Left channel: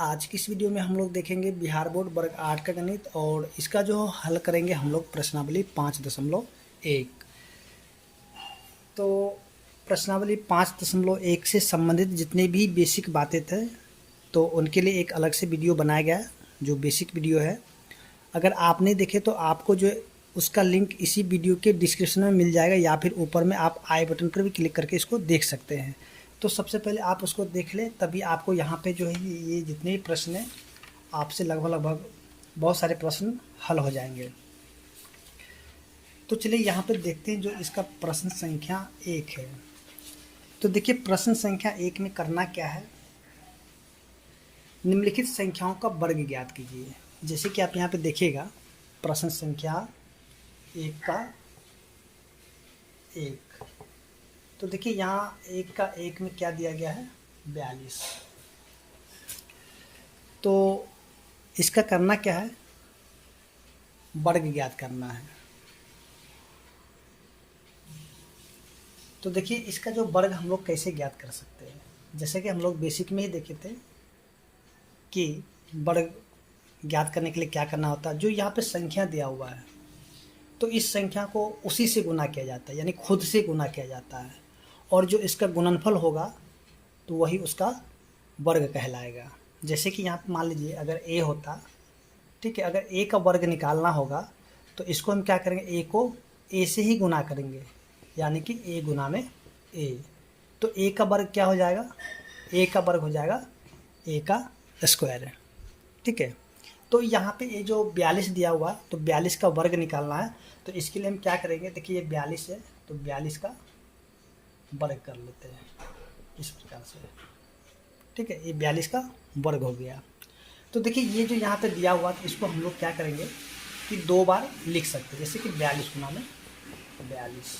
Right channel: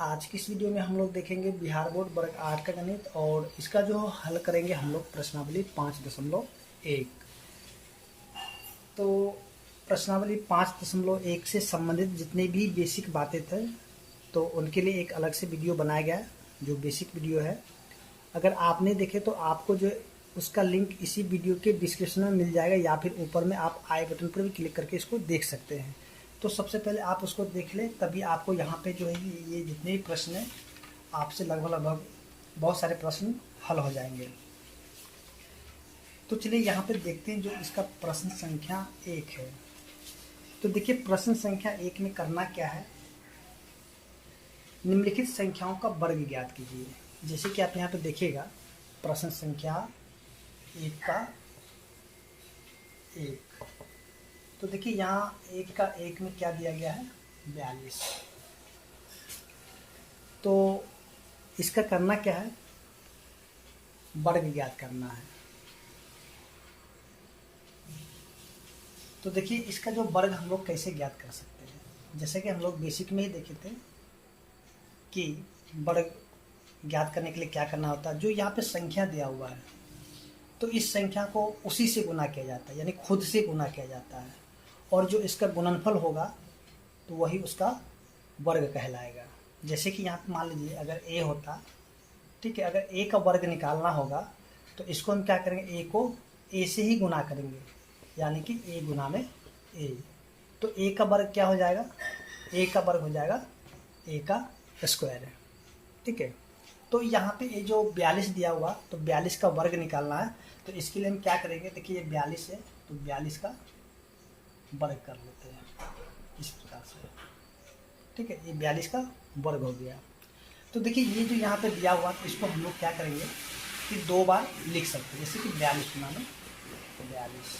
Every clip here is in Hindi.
आज की इस वीडियो में हम लोग देखेंगे बिहार बोर्ड वर्ग 8 का गणित और इसका जो हल करेंगे हम लोग प्रश्नावली 5.1। तो प्रश्नावली 5.1 से संबंधित जितने भी बेसिक बातें थे तो उनके लिए एक अलग से वीडियो बनाया गया जो बेसिक वीडियो है। अगर आपने देखे तो आपको जो उसका लिंक इसी वीडियो के डिस्क्रिप्शन में मिल जाएगा या फिर ऊपर में आप आई बटन पर भी क्लिक करके इसको देख सकते हैं। तो सबसे पहले आप उसको देख लें, तभी आपको यहाँ पे जो है ये जितने भी प्रश्न हैं आपसे लगभग बहुत सारे प्रश्न हल हो जाएंगे। तो चलिए यहाँ पे देखते हैं जो इसका प्रश्न संख्या 1 है। तो देखिए प्रश्न संख्या 1 में करना क्या है, निम्नलिखित संख्याओं का वर्ग ज्ञात कीजिए। जैसे कि आप यहाँ पे देखिएगा प्रश्न संख्या 1 का 1। तो देखिए यहाँ 1 का 1 में क्या दिया गया है 42। तो इसका करना क्या है, वर्ग ज्ञात करना है। तो देखिए इसका जो वर्ग हम लोग कैसे ज्ञात कर सकते हैं, जैसे कि हम लोग बेसिक में ही देखे थे कि वर्ग ज्ञात करने के लिए क्या करना होता है। जो यहाँ पे संख्या दिया हुआ है तो इस संख्या को उसी से गुना किया जाता है, यानी खुद से गुना किया जाता है, और जो इसका गुणनफल होगा तो वही उसका वर्ग कहलाएगा। जैसे कि यहाँ पे मान लीजिए अगर a होता, ठीक है, अगर a का वर्ग निकालना होगा तो इसको हम क्या करेंगे, a को a से ही गुना करेंगे, यानी कि a गुना में a। तो a का वर्ग क्या हो जाएगा, a का वर्ग हो जाएगा a का स्क्वायर है, ठीक है। तो यहाँ पे ये जो 42 दिया हुआ तो 42 का वर्ग निकालना है, तो इसके लिए हम क्या करेंगे, देखिए ये 42 है तो 42 का वर्ग कर लेते हैं इस प्रकार से, ठीक है। ये 42 का वर्ग हो गया। तो देखिए ये जो यहाँ पे दिया हुआ तो इसको हम लोग क्या करेंगे कि 2 बार लिख सकते हैं, जैसे कि 42 गुना में 42,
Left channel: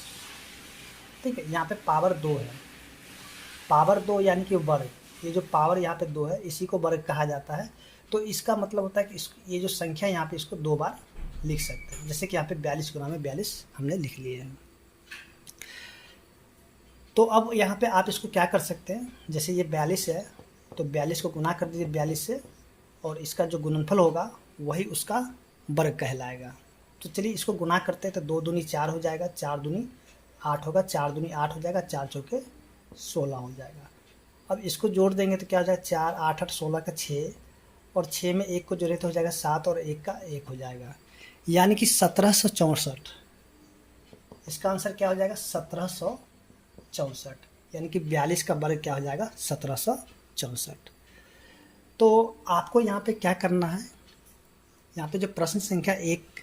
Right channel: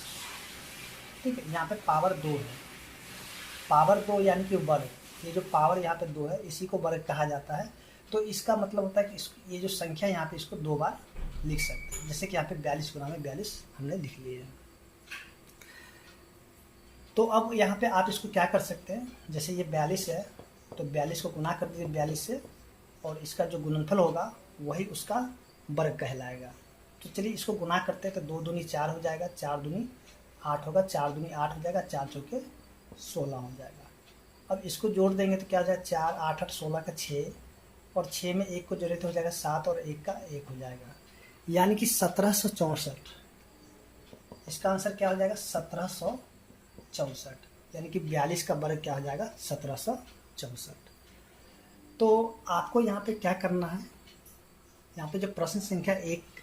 ठीक है। यहाँ पे पावर 2 है, पावर 2 यानी कि वर्ग, ये जो पावर यहाँ पे 2 है इसी को वर्ग कहा जाता है। तो इसका मतलब होता है कि ये जो संख्या यहाँ पे इसको 2 बार लिख सकते हैं, जैसे कि यहाँ पे 42 गुना में 42 हमने लिख लिए हैं। तो अब यहाँ पे आप इसको क्या कर सकते हैं, जैसे ये 42 है तो 42 को गुना कर दीजिए 42 से, और इसका जो गुणनफल होगा वही उसका वर्ग कहलाएगा। तो चलिए इसको गुना करते हैं, तो 2 दूनी 4 हो जाएगा, 4 दूनी 8 होगा, 4 दूनी 8 हो जाएगा, 4 चौके 16 हो जाएगा। अब इसको जोड़ देंगे तो क्या हो जाएगा, 4 8 8 16 का 6, और 6 में 1 को जोड़े तो हो जाएगा 7, और 1 का 1 हो जाएगा, यानी कि 1764। इसका आंसर क्या हो जाएगा 1764, यानी कि 42 का वर्ग क्या हो जाएगा 1764। तो आपको यहाँ पे क्या करना है, यहाँ पे जो प्रश्न संख्या 1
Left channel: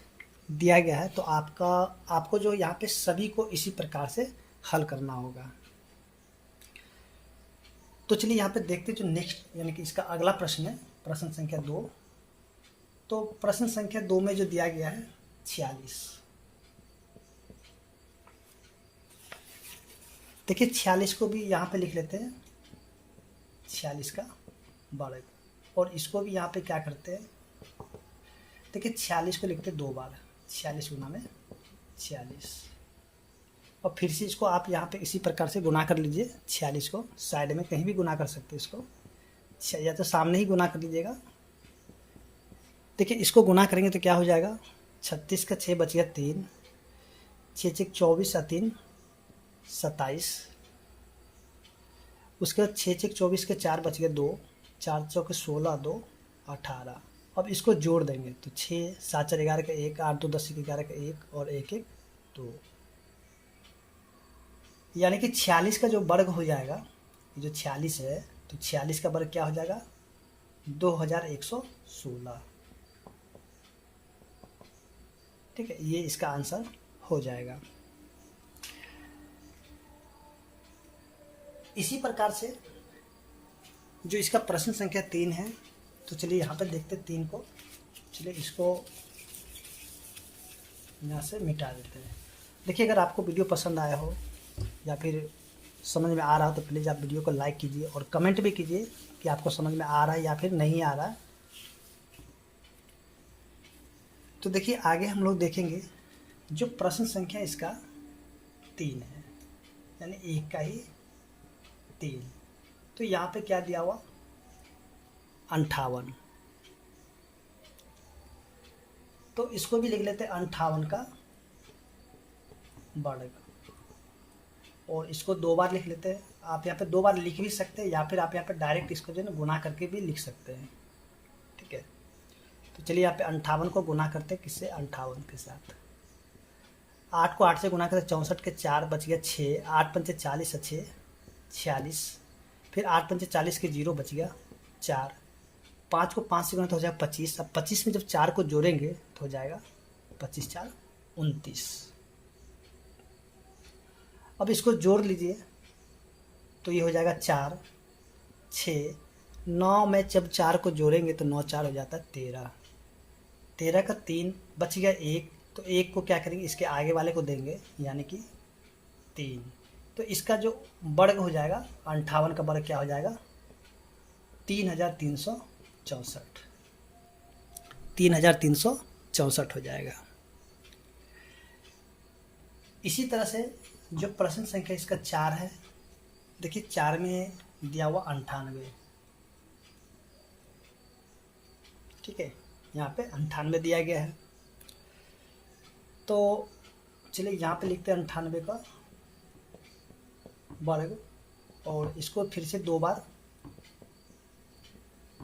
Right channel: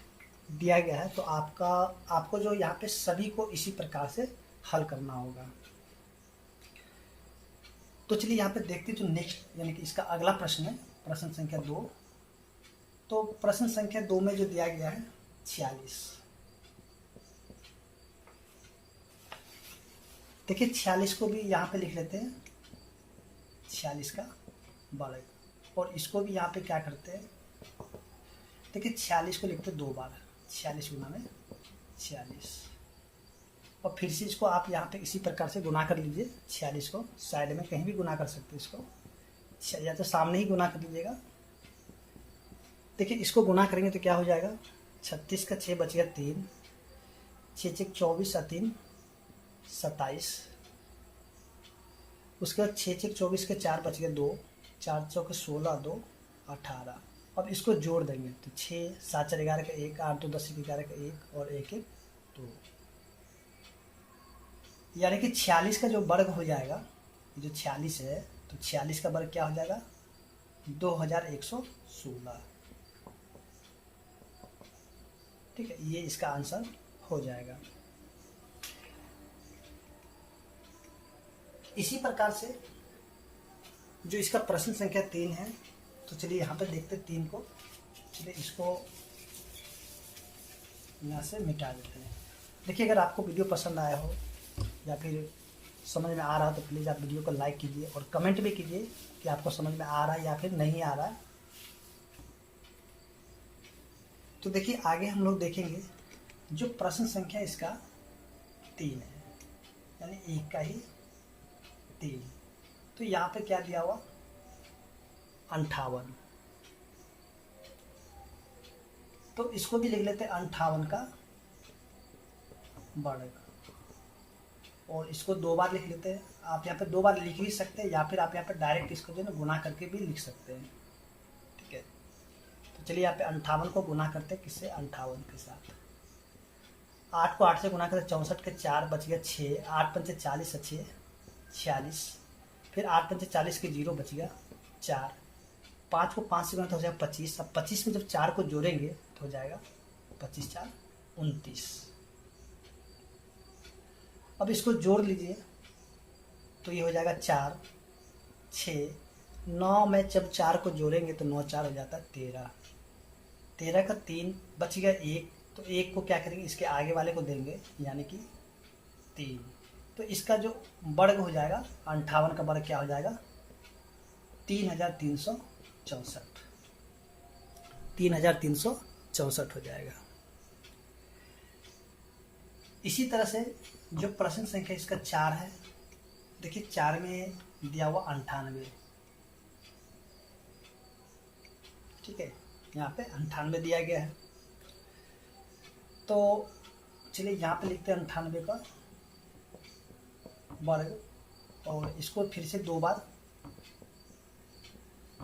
दिया गया है तो आपको जो यहाँ पे सभी को इसी प्रकार से हल करना होगा। तो चलिए यहाँ पे देखते हैं जो नेक्स्ट यानी कि इसका अगला प्रश्न है प्रश्न संख्या 2। तो प्रश्न संख्या 2 में जो दिया गया है 46। देखिए 46 को भी यहाँ पे लिख लेते हैं 46 का वर्ग, और इसको भी यहाँ पे क्या करते हैं, देखिए 46 को लिखते 2 बार, 46 गुना में 46, और फिर से इसको आप यहाँ पे इसी प्रकार से गुना कर लीजिए। 46 को साइड में कहीं भी गुना कर सकते हैं इसको, या तो सामने ही गुना कर लीजिएगा। देखिए इसको गुना करेंगे तो क्या हो जाएगा, 36 का 6 बच गया 3, 6 6 24 और 3 27, उसके बाद 6 6 24 के 4 बच गए 2, 4 चौके 16 2 18। अब इसको जोड़ देंगे तो 6 7 4 11 का 1, 8 2 10 11 का 1, और 1 1 2, यानी कि 46 का जो वर्ग हो जाएगा, ये जो 46 है तो 46 का वर्ग क्या हो जाएगा 2116, ठीक है। ये इसका आंसर हो जाएगा। इसी प्रकार से जो इसका प्रश्न संख्या 3 है, तो चलिए यहाँ पे देखते हैं 3 को। चलिए इसको यहाँ से मिटा देते हैं। देखिए अगर आपको वीडियो पसंद आया हो या फिर समझ में आ रहा हो तो प्लीज़ आप वीडियो को लाइक कीजिए और कमेंट भी कीजिए कि आपको समझ में आ रहा है या फिर नहीं आ रहा है। तो देखिए आगे हम लोग देखेंगे जो प्रश्न संख्या इसका 3 है, यानी 1 का ही 3। तो यहाँ पे क्या दिया हुआ 58। तो इसको भी लिख लेते हैं 58 का वर्ग, और इसको 2 बार लिख लेते हैं। आप यहाँ पे 2 बार लिख भी सकते हैं, या फिर आप यहाँ पे डायरेक्ट इसको जो है ना गुना करके भी लिख सकते हैं। ठीक है, तो चलिए यहाँ पे 58 को गुना करते हैं किससे, 58 के साथ। 8 को 8 से गुना करते 64 के 4 बच गया 6, 8 पंचे 40 अच्छे 46, फिर 8 पंचे 40 के 0 बच गया 4, 5 को 5 से गुना तो हो जाएगा 25। अब 25 में जब 4 को जोड़ेंगे तो हो जाएगा 25 4 29। अब इसको जोड़ लीजिए तो ये हो जाएगा 4 6 9 में जब 4 को जोड़ेंगे तो 9 4 हो जाता है 13, 13 का 3 बच गया 1, तो 1 को क्या करेंगे इसके आगे वाले को देंगे यानी कि 3। तो इसका जो वर्ग हो जाएगा 58 का वर्ग क्या हो जाएगा 3364, 3364 हो जाएगा। इसी तरह से जो प्रश्न संख्या इसका 4 है, देखिए 4 में दिया हुआ 98, ठीक है, यहाँ पे 98 दिया गया है। तो चलिए यहाँ पे लिखते हैं 98 का वर्ग, और इसको फिर से 2 बार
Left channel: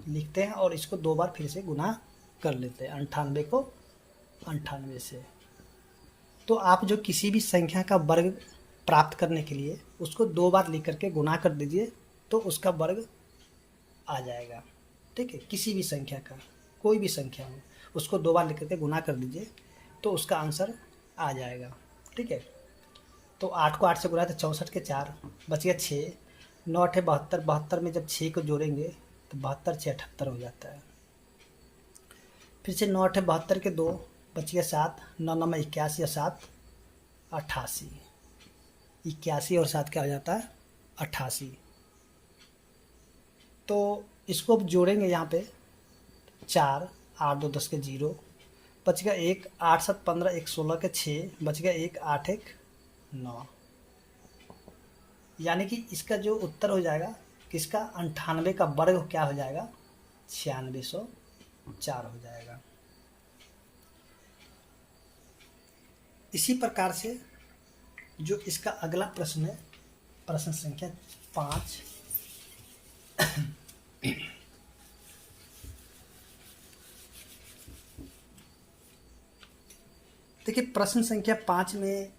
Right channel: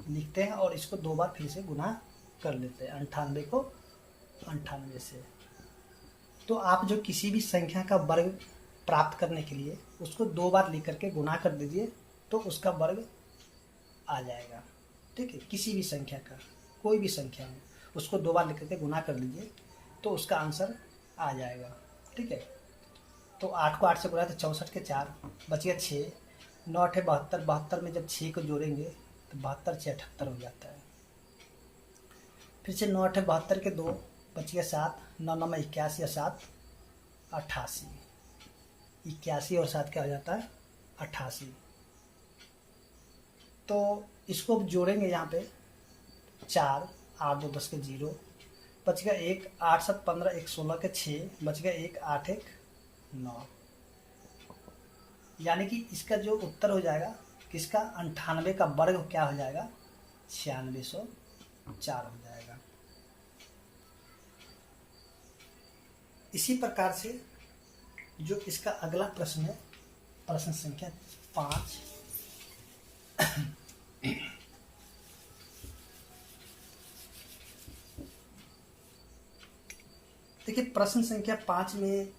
लिखते हैं और इसको 2 बार फिर से गुना कर लेते हैं 98 को 98 से। तो आप जो किसी भी संख्या का वर्ग प्राप्त करने के लिए उसको 2 बार लिख करके गुना कर दीजिए तो उसका वर्ग आ जाएगा। ठीक है, किसी भी संख्या का, कोई भी संख्या हो उसको 2 बार लिख करके गुना कर लीजिए तो उसका आंसर आ जाएगा। ठीक है, तो 8 को 8 से गुना तो 64 के 4 बच गया 6, 9 8 72, 72 में जब 6 को जोड़ेंगे तो 72 6 78 हो जाता है। फिर से 9 8 72 के 2 बच गया 7, 9 9 में 81 या 7 88, 81 और 7 क्या हो जाता है 88। तो इसको अब जोड़ेंगे यहाँ पे 4 8 2 10 के 0 बच गया 1, 8 7 15 1 16 के 6 बच गया 1, 8 1 9। यानी कि इसका जो उत्तर हो जाएगा किसका 98 का वर्ग क्या हो जाएगा 9604 हो जाएगा। इसी प्रकार से जो इसका अगला प्रश्न है, प्रश्न संख्या 5, देखिए प्रश्न संख्या 5 में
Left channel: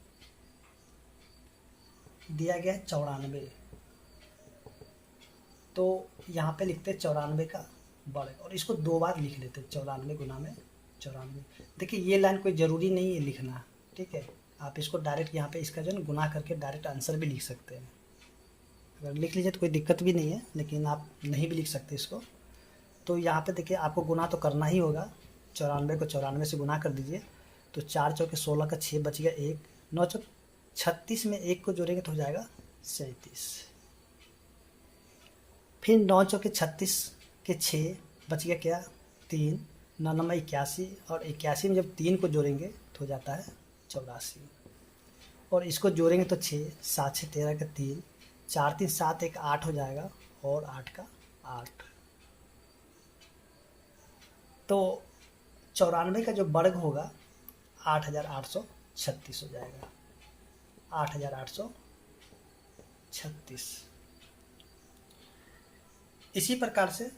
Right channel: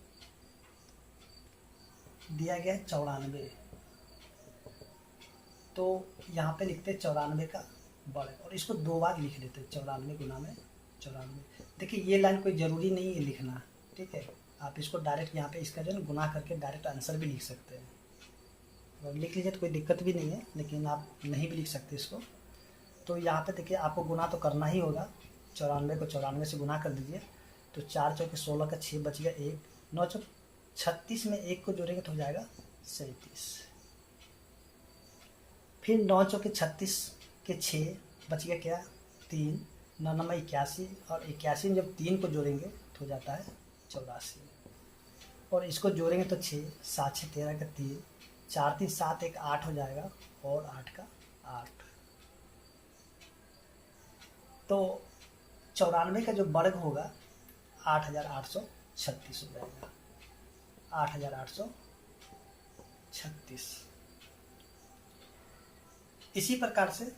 दिया गया है 94। तो यहाँ पे लिखते हैं 94 का वर्ग और इसको 2 बार लिख लेते हैं 94 गुना में 94। देखिए ये लाइन कोई ज़रूरी नहीं है लिखना, ठीक है, आप इसको डायरेक्ट यहाँ पे इसका जो है गुना करके डायरेक्ट आंसर भी लिख सकते हैं। अगर लिख लीजिए तो कोई दिक्कत भी नहीं है, लेकिन आप नहीं भी लिख सकते इसको। तो यहाँ पे देखिए आपको गुना तो करना ही होगा, 94 को 94 से गुना कर दीजिए तो 4 चौके 16 का 6 बच गया 1, 9 चौक 36 में 1 को जोड़ेंगे तो हो जाएगा 37, फिर 9 चौके 36 के 6 बच गया क्या 3, 9 9 में 81 और 81 में जब 3 को जोड़ेंगे तो हो जाता है 84, और इसको जोड़ेंगे तो 6 7 6 13 का 3, 4 3 7 1 8 हो जाएगा और 8 का 8। तो 94 का जो वर्ग होगा 8836 हो जाएगा, 8836। इसी प्रकार से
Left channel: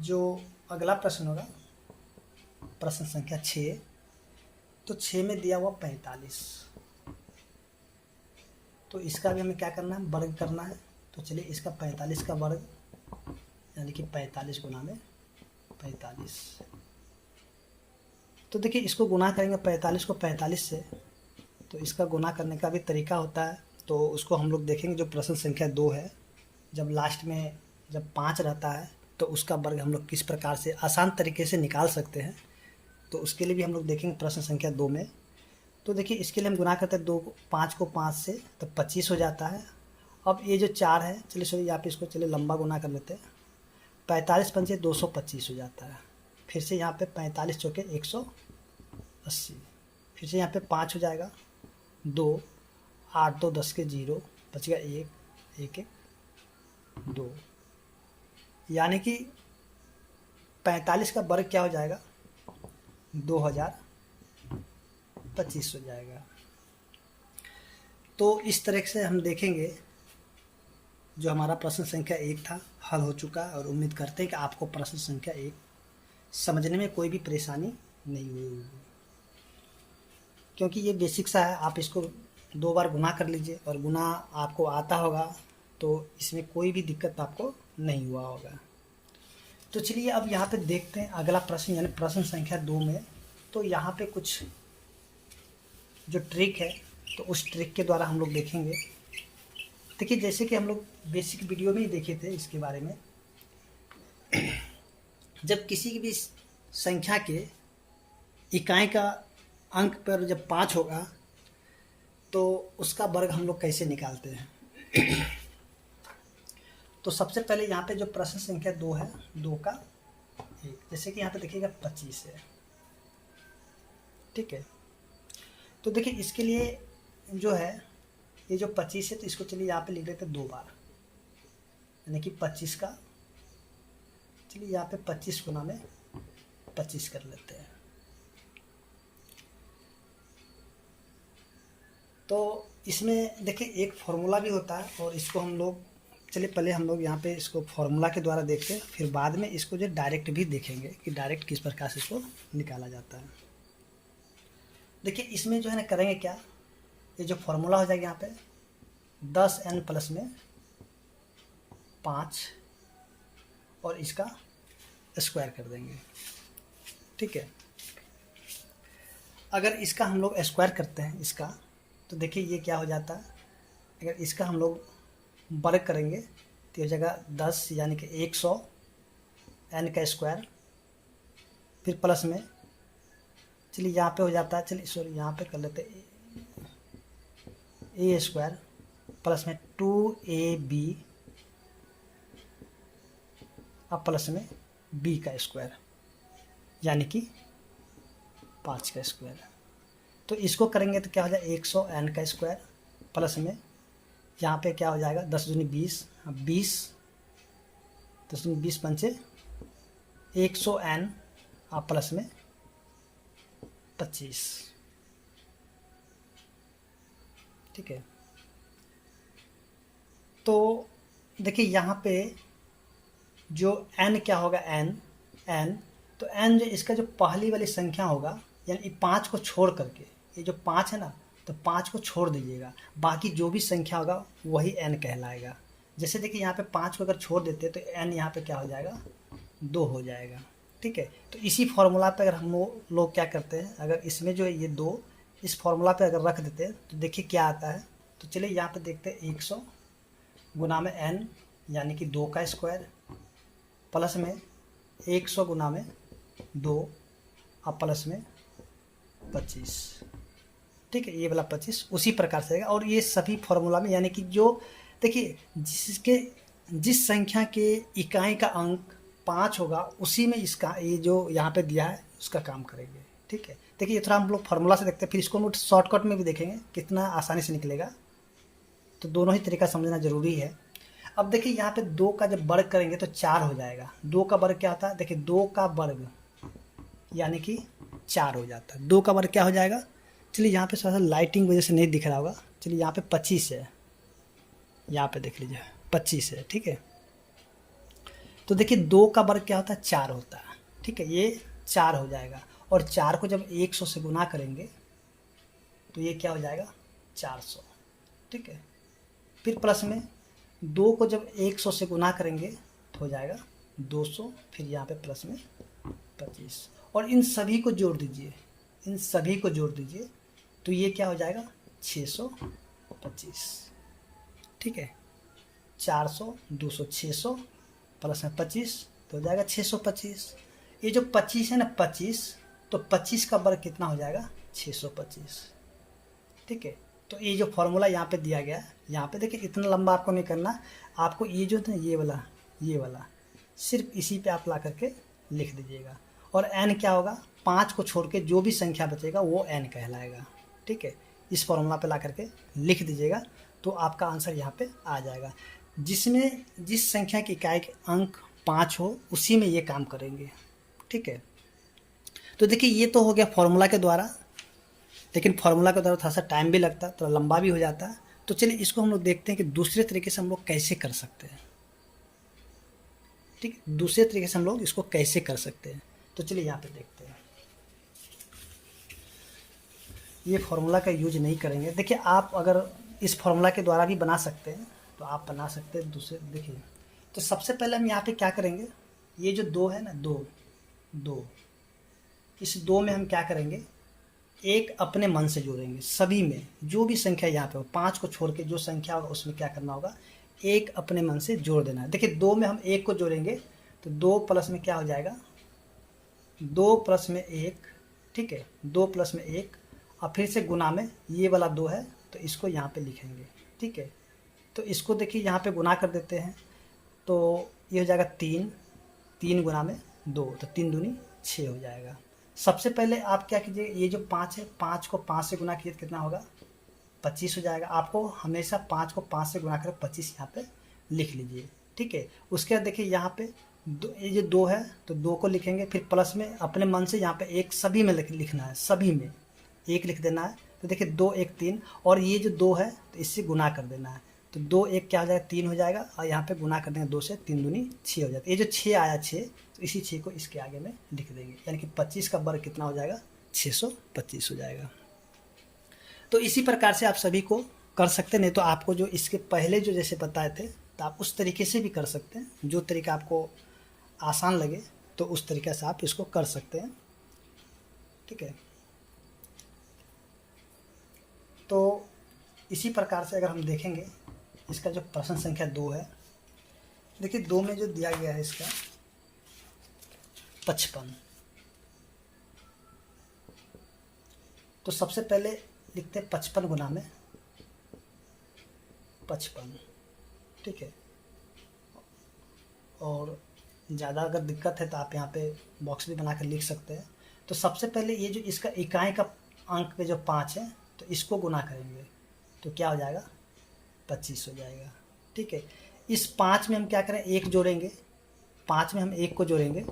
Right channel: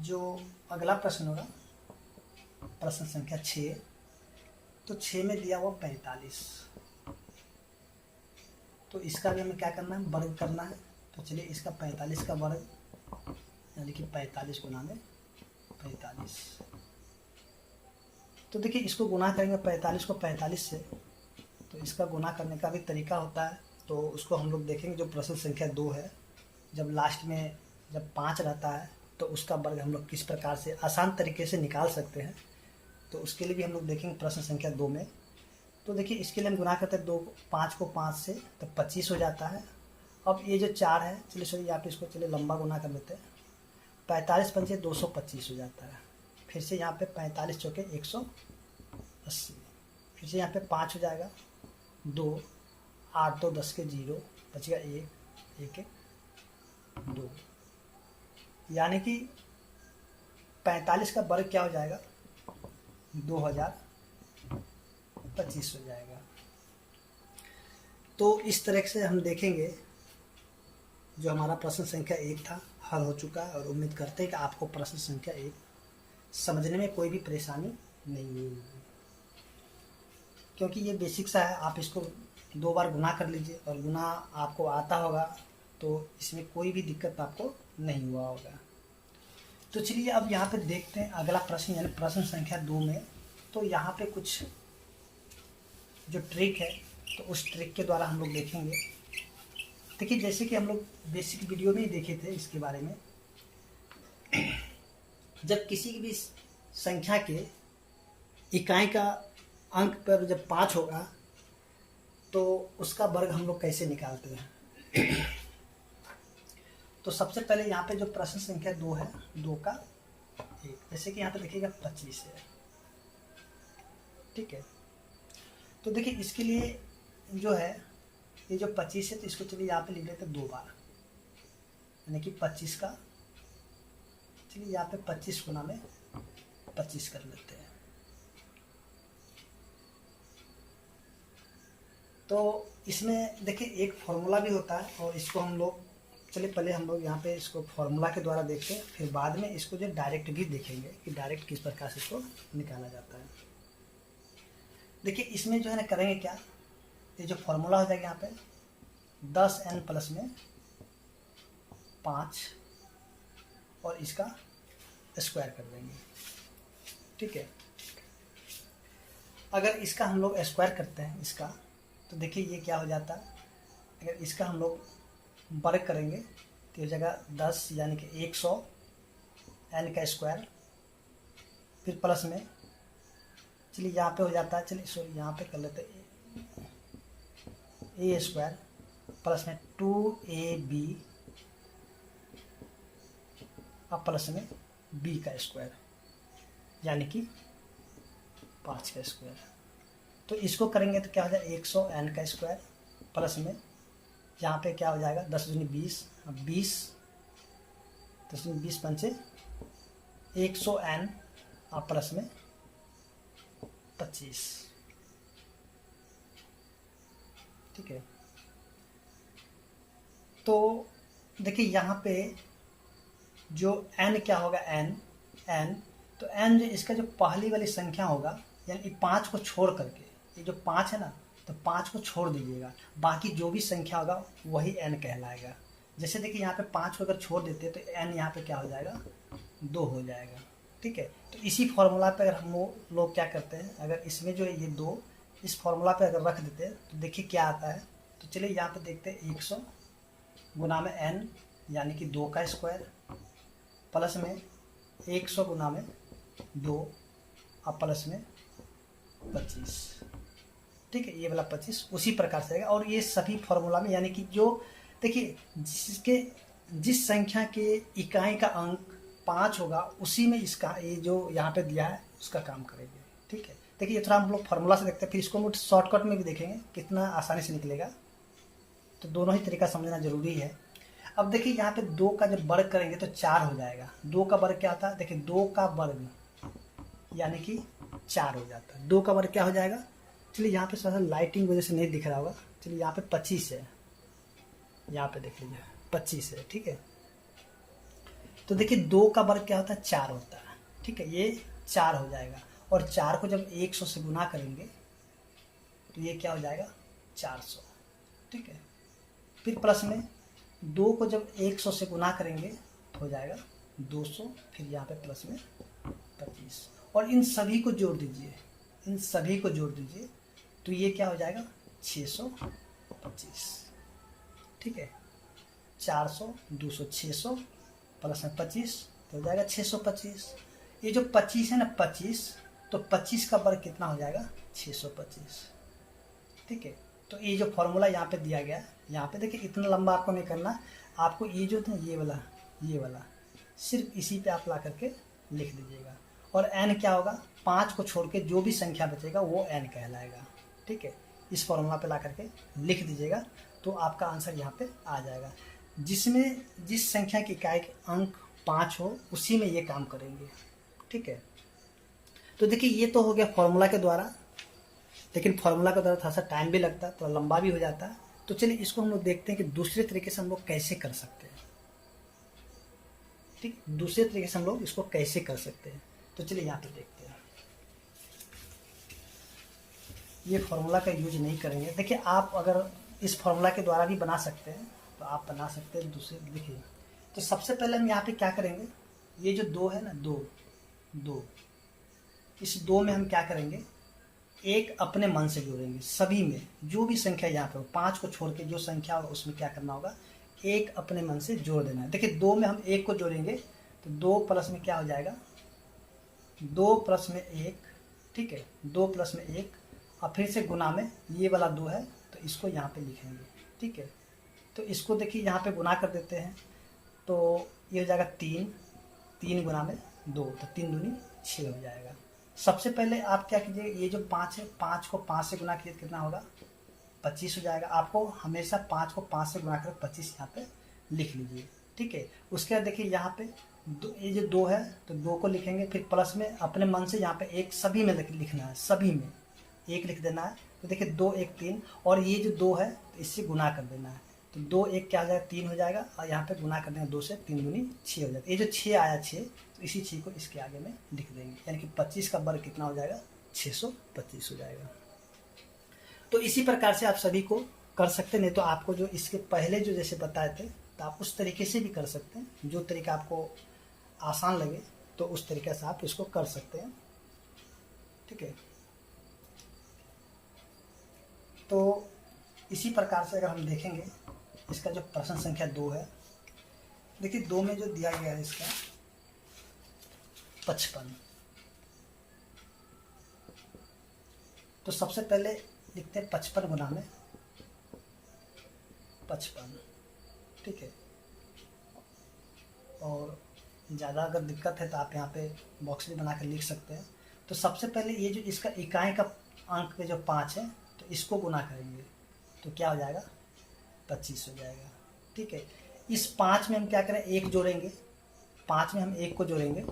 जो अगला प्रश्न होगा प्रश्न संख्या 6, तो 6 में दिया हुआ 45, तो इसका भी हमें क्या करना है वर्ग करना है। तो चलिए इसका 45 का वर्ग यानी कि 45 गुना में 45। तो देखिए इसको गुना करेंगे 45 को 45 से, तो इसका गुना करने का भी तरीका होता है। तो उसको हम लोग देखेंगे जो प्रश्न संख्या 2 है, जब लास्ट में जब 5 रहता है तो उसका वर्ग हम लोग किस प्रकार से आसान तरीके से निकाल सकते हैं, तो उसके लिए भी हम लोग देखेंगे प्रश्न संख्या 2 में। तो देखिए इसके लिए हम गुना करते हैं 5 को 5 से तो 25 हो जाता है। अब ये जो 4 है, चलिए सॉरी यहाँ पे इसको चलिए लंबा गुना कर लेते हैं, 45 पंचे 225 हो जाता है। फिर से यहाँ पे 45 चौके 180, फिर से यहाँ पे 5 हो जाएगा 2, 8 2 10 के 0 बच गया 1 1 1 2, यानी कि 45 का वर्ग क्या हो जाएगा, 2025 हो जाएगा। तो इस तरह से हम देखेंगे जो हमारा प्रश्न संख्या 1 था हल हो चुका है, और उम्मीद करते हैं कि आपको प्रश्न संख्या 1 समझने में कोई भी परेशानी नहीं हुई होगी, क्योंकि ये बेसिक सा है। आप इसको 2 बार गुना कर लीजिए और गुना आपको आता होगा, तो इसमें कोई भी दिक्कत आपको नहीं हुआ होगा। तो चलिए अब यहाँ पे देखते हैं अगला प्रश्न, यानी प्रश्न संख्या 2 में। तो यहाँ पे कुछ जो ट्रिक है, तो उस ट्रिक के द्वारा हम लोग देखेंगे। देखिए, जैसे कि हम लोग बेसिक वीडियो में ही देखे थे इसके बारे में, जब किसी भी संख्या के इकाई का अंक पर जब 5 होगा तो उसका वर्ग हम लोग कैसे निकालते हैं। तो सबसे पहले यहाँ पे जो प्रश्न संख्या 2 है, 2 का 1, जैसे कि यहाँ पे देखिएगा 25 है, ठीक है। तो देखिए इसके लिए जो है ये जो 25 है, तो इसको चलिए यहाँ पे लिख लेते हैं 2 बार, यानी कि 25 का, चलिए यहाँ पे 25 गुना में 25 कर लेते हैं। तो इसमें देखिए एक फॉर्मूला भी होता है, और इसको हम लोग, चलिए पहले हम लोग यहाँ पे इसको फॉर्मूला के द्वारा देखते हैं, फिर बाद में इसको जो डायरेक्ट भी देखेंगे कि डायरेक्ट किस प्रकार से इसको निकाला जाता है। देखिए इसमें जो है ना करेंगे क्या, ये जो फॉर्मूला हो जाएगा यहाँ पे 10n प्लस में 5 और इसका स्क्वायर कर देंगे, ठीक है। अगर इसका हम लोग स्क्वायर करते हैं इसका, तो देखिए ये क्या हो जाता है, अगर इसका हम लोग वर्ग करेंगे तो हो जाएगा 10, यानी कि 100 n का स्क्वायर, फिर प्लस में, चलिए यहाँ पे हो जाता है, चलिए सॉरी यहाँ पे कर लेते हैं a स्क्वायर प्लस में 2ab अब प्लस में b का स्क्वायर, यानी कि 5 का स्क्वायर। तो इसको करेंगे तो क्या हो जाएगा 100 n का स्क्वायर प्लस में, यहाँ पे क्या हो जाएगा 10 दूनी 20, 20 10 दूनी 20 पंचे 100 n अब प्लस में 25, ठीक है। तो देखिए यहाँ पे जो n क्या होगा, n तो n जो इसका जो पहली वाली संख्या होगा, यानी 5 को छोड़ करके, ये जो 5 है ना, तो 5 को छोड़ दीजिएगा, बाकी जो भी संख्या होगा वही n कहलाएगा। जैसे देखिए यहाँ पे 5 को अगर छोड़ देते हैं तो n यहाँ पे क्या हो जाएगा, 2 हो जाएगा, ठीक है। तो इसी फॉर्मूला पे अगर हम लोग क्या करते हैं, अगर इसमें जो ये 2 इस फॉर्मूला पे अगर रख देते हैं तो देखिए क्या आता है। तो चलिए यहाँ पे देखते हैं 100 गुना में n, यानी कि 2 का स्क्वायर प्लस में 100 गुना में 2 अब प्लस में 25, ठीक है। ये वाला 25 उसी प्रकार से आएगा, और ये सभी फॉर्मूला में, यानी कि जो देखिए जिस संख्या के इकाई का अंक 5 होगा उसी में इसका ये जो यहाँ पे दिया है उसका काम करेंगे, ठीक है। देखिए ये थोड़ा हम लोग फॉर्मूला से देखते हैं, फिर इसको हम शॉर्टकट में भी देखेंगे कितना आसानी से निकलेगा। तो दोनों ही तरीका समझना जरूरी है। अब देखिए यहाँ पे 2 का जब वर्ग करेंगे तो 4 हो जाएगा। 2 का वर्ग क्या होता है, देखिए 2 का वर्ग यानी कि 4 हो जाता है। 2 का वर्ग क्या हो जाएगा, चलिए यहाँ पे थोड़ा सा लाइटिंग वजह से नहीं दिख रहा होगा, चलिए यहाँ पे 25 है, यहाँ पे देख लीजिए 25 है, ठीक है। तो देखिए 2 का वर्ग क्या होता है, 4 होता है, ठीक है। ये 4 हो जाएगा, और 4 को जब 100 से गुना करेंगे तो ये क्या हो जाएगा 400, ठीक है। फिर प्लस में 2 को जब 100 से गुना करेंगे तो हो जाएगा 200, फिर यहाँ पे प्लस में 25, और इन सभी को जोड़ दीजिए, इन सभी को जोड़ दीजिए तो ये क्या हो जाएगा 625, ठीक है। 400 200 600 प्लस में 25 तो हो जाएगा 625। ये जो 25 है ना 25, तो 25 का वर्ग कितना हो जाएगा 625, ठीक है। तो ये जो फॉर्मूला यहाँ पे दिया गया, यहाँ पे देखिए इतना लंबा आपको नहीं करना, आपको ये जो है ये वाला सिर्फ इसी पे आप ला करके लिख दीजिएगा, और n क्या होगा 5 को छोड़ के जो भी संख्या बचेगा वो n कहलाएगा, ठीक है। इस फॉर्मूला पे ला करके लिख दीजिएगा तो आपका आंसर यहाँ पे आ जाएगा। जिसमें जिस संख्या की इकाई के अंक 5 हो उसी में ये काम करेंगे। ठीक है, तो देखिए ये तो हो गया फॉर्मूला के द्वारा, लेकिन फार्मूला के द्वारा थोड़ा सा टाइम भी लगता है, थोड़ा लंबा भी हो जाता है। तो चलिए इसको हम लोग देखते हैं कि दूसरे तरीके से हम लोग कैसे कर सकते हैं। ठीक है, दूसरे तरीके से हम लोग इसको कैसे कर सकते हैं। तो चलिए यहाँ पे देखते हैं। ये फार्मूला का यूज नहीं करेंगे। देखिए आप अगर इस फार्मूला के द्वारा भी बना सकते हैं तो आप बना सकते हैं दूसरे। देखिए तो सबसे पहले हम यहाँ पे क्या करेंगे, ये जो 2 है ना, 2 इस 2 में हम क्या करेंगे, एक अपने मन से जोड़ेंगे। सभी में जो भी संख्या यहाँ पे 5 को छोड़ के जो संख्या होगा उसमें क्या करना होगा, एक अपने मन से जोड़ देना है। देखिए 2 में हम 1 को जोड़ेंगे तो 2 प्लस में क्या हो जाएगा, 2 प्लस में 1। ठीक है, 2 प्लस में 1 और फिर से गुना में ये वाला 2 है तो इसको यहाँ पे लिखेंगे। ठीक है, तो इसको देखिए यहाँ पे गुना कर देते हैं तो ये हो जाएगा 3 गुना में 2 तो 3 दूनी 6 हो जाएगा। सबसे पहले आप क्या कीजिए, ये जो 5 है 5 को 5 से गुना कीजिए तो कितना होगा, 25 हो जाएगा। आपको हमेशा 5 को 5 से गुना कर 25 यहाँ पे लिख लीजिए। ठीक है, उसके बाद देखिए यहाँ पे ये जो 2 है तो 2 को लिखेंगे, फिर प्लस में अपने मन से यहाँ पे 1 सभी में लिखना है, सभी में 1 लिख देना है। तो देखिए 2 1 3 और ये जो 2 है तो इससे गुना कर देना है तो 2 1 क्या हो जाएगा, 3 हो जाएगा और यहाँ पे गुना कर देंगे 2 से, 3 दूनी 6 हो जाता है। ये जो 6 आया 6 तो इसी 6 को इसके आगे में लिख देंगे, यानी कि 25 का वर्ग कितना हो जाएगा, 625 हो जाएगा। तो इसी प्रकार से आप सभी को कर सकते हैं। नहीं तो आपको जो इसके पहले जो जैसे बताए थे तो आप उस तरीके से भी कर सकते हैं, जो तरीका आपको आसान लगे तो उस तरीके से आप इसको कर सकते हैं। ठीक है, तो इसी प्रकार से अगर हम देखेंगे इसका जो प्रश्न संख्या 2 है, देखिए 2 में जो दिया गया है इसका 55। तो सबसे पहले लिखते हैं 55 गुना में 55। ठीक है, और ज़्यादा अगर दिक्कत है तो आप यहाँ पे बॉक्स भी बना कर लिख सकते हैं। तो सबसे पहले ये जो इसका इकाई का अंक पे जो 5 है तो इसको गुना करेंगे तो क्या हो जाएगा, 25 हो जाएगा। ठीक है, इस 5 में हम क्या करें, 1 जोड़ेंगे, 5 में हम 1 को जोड़ेंगे।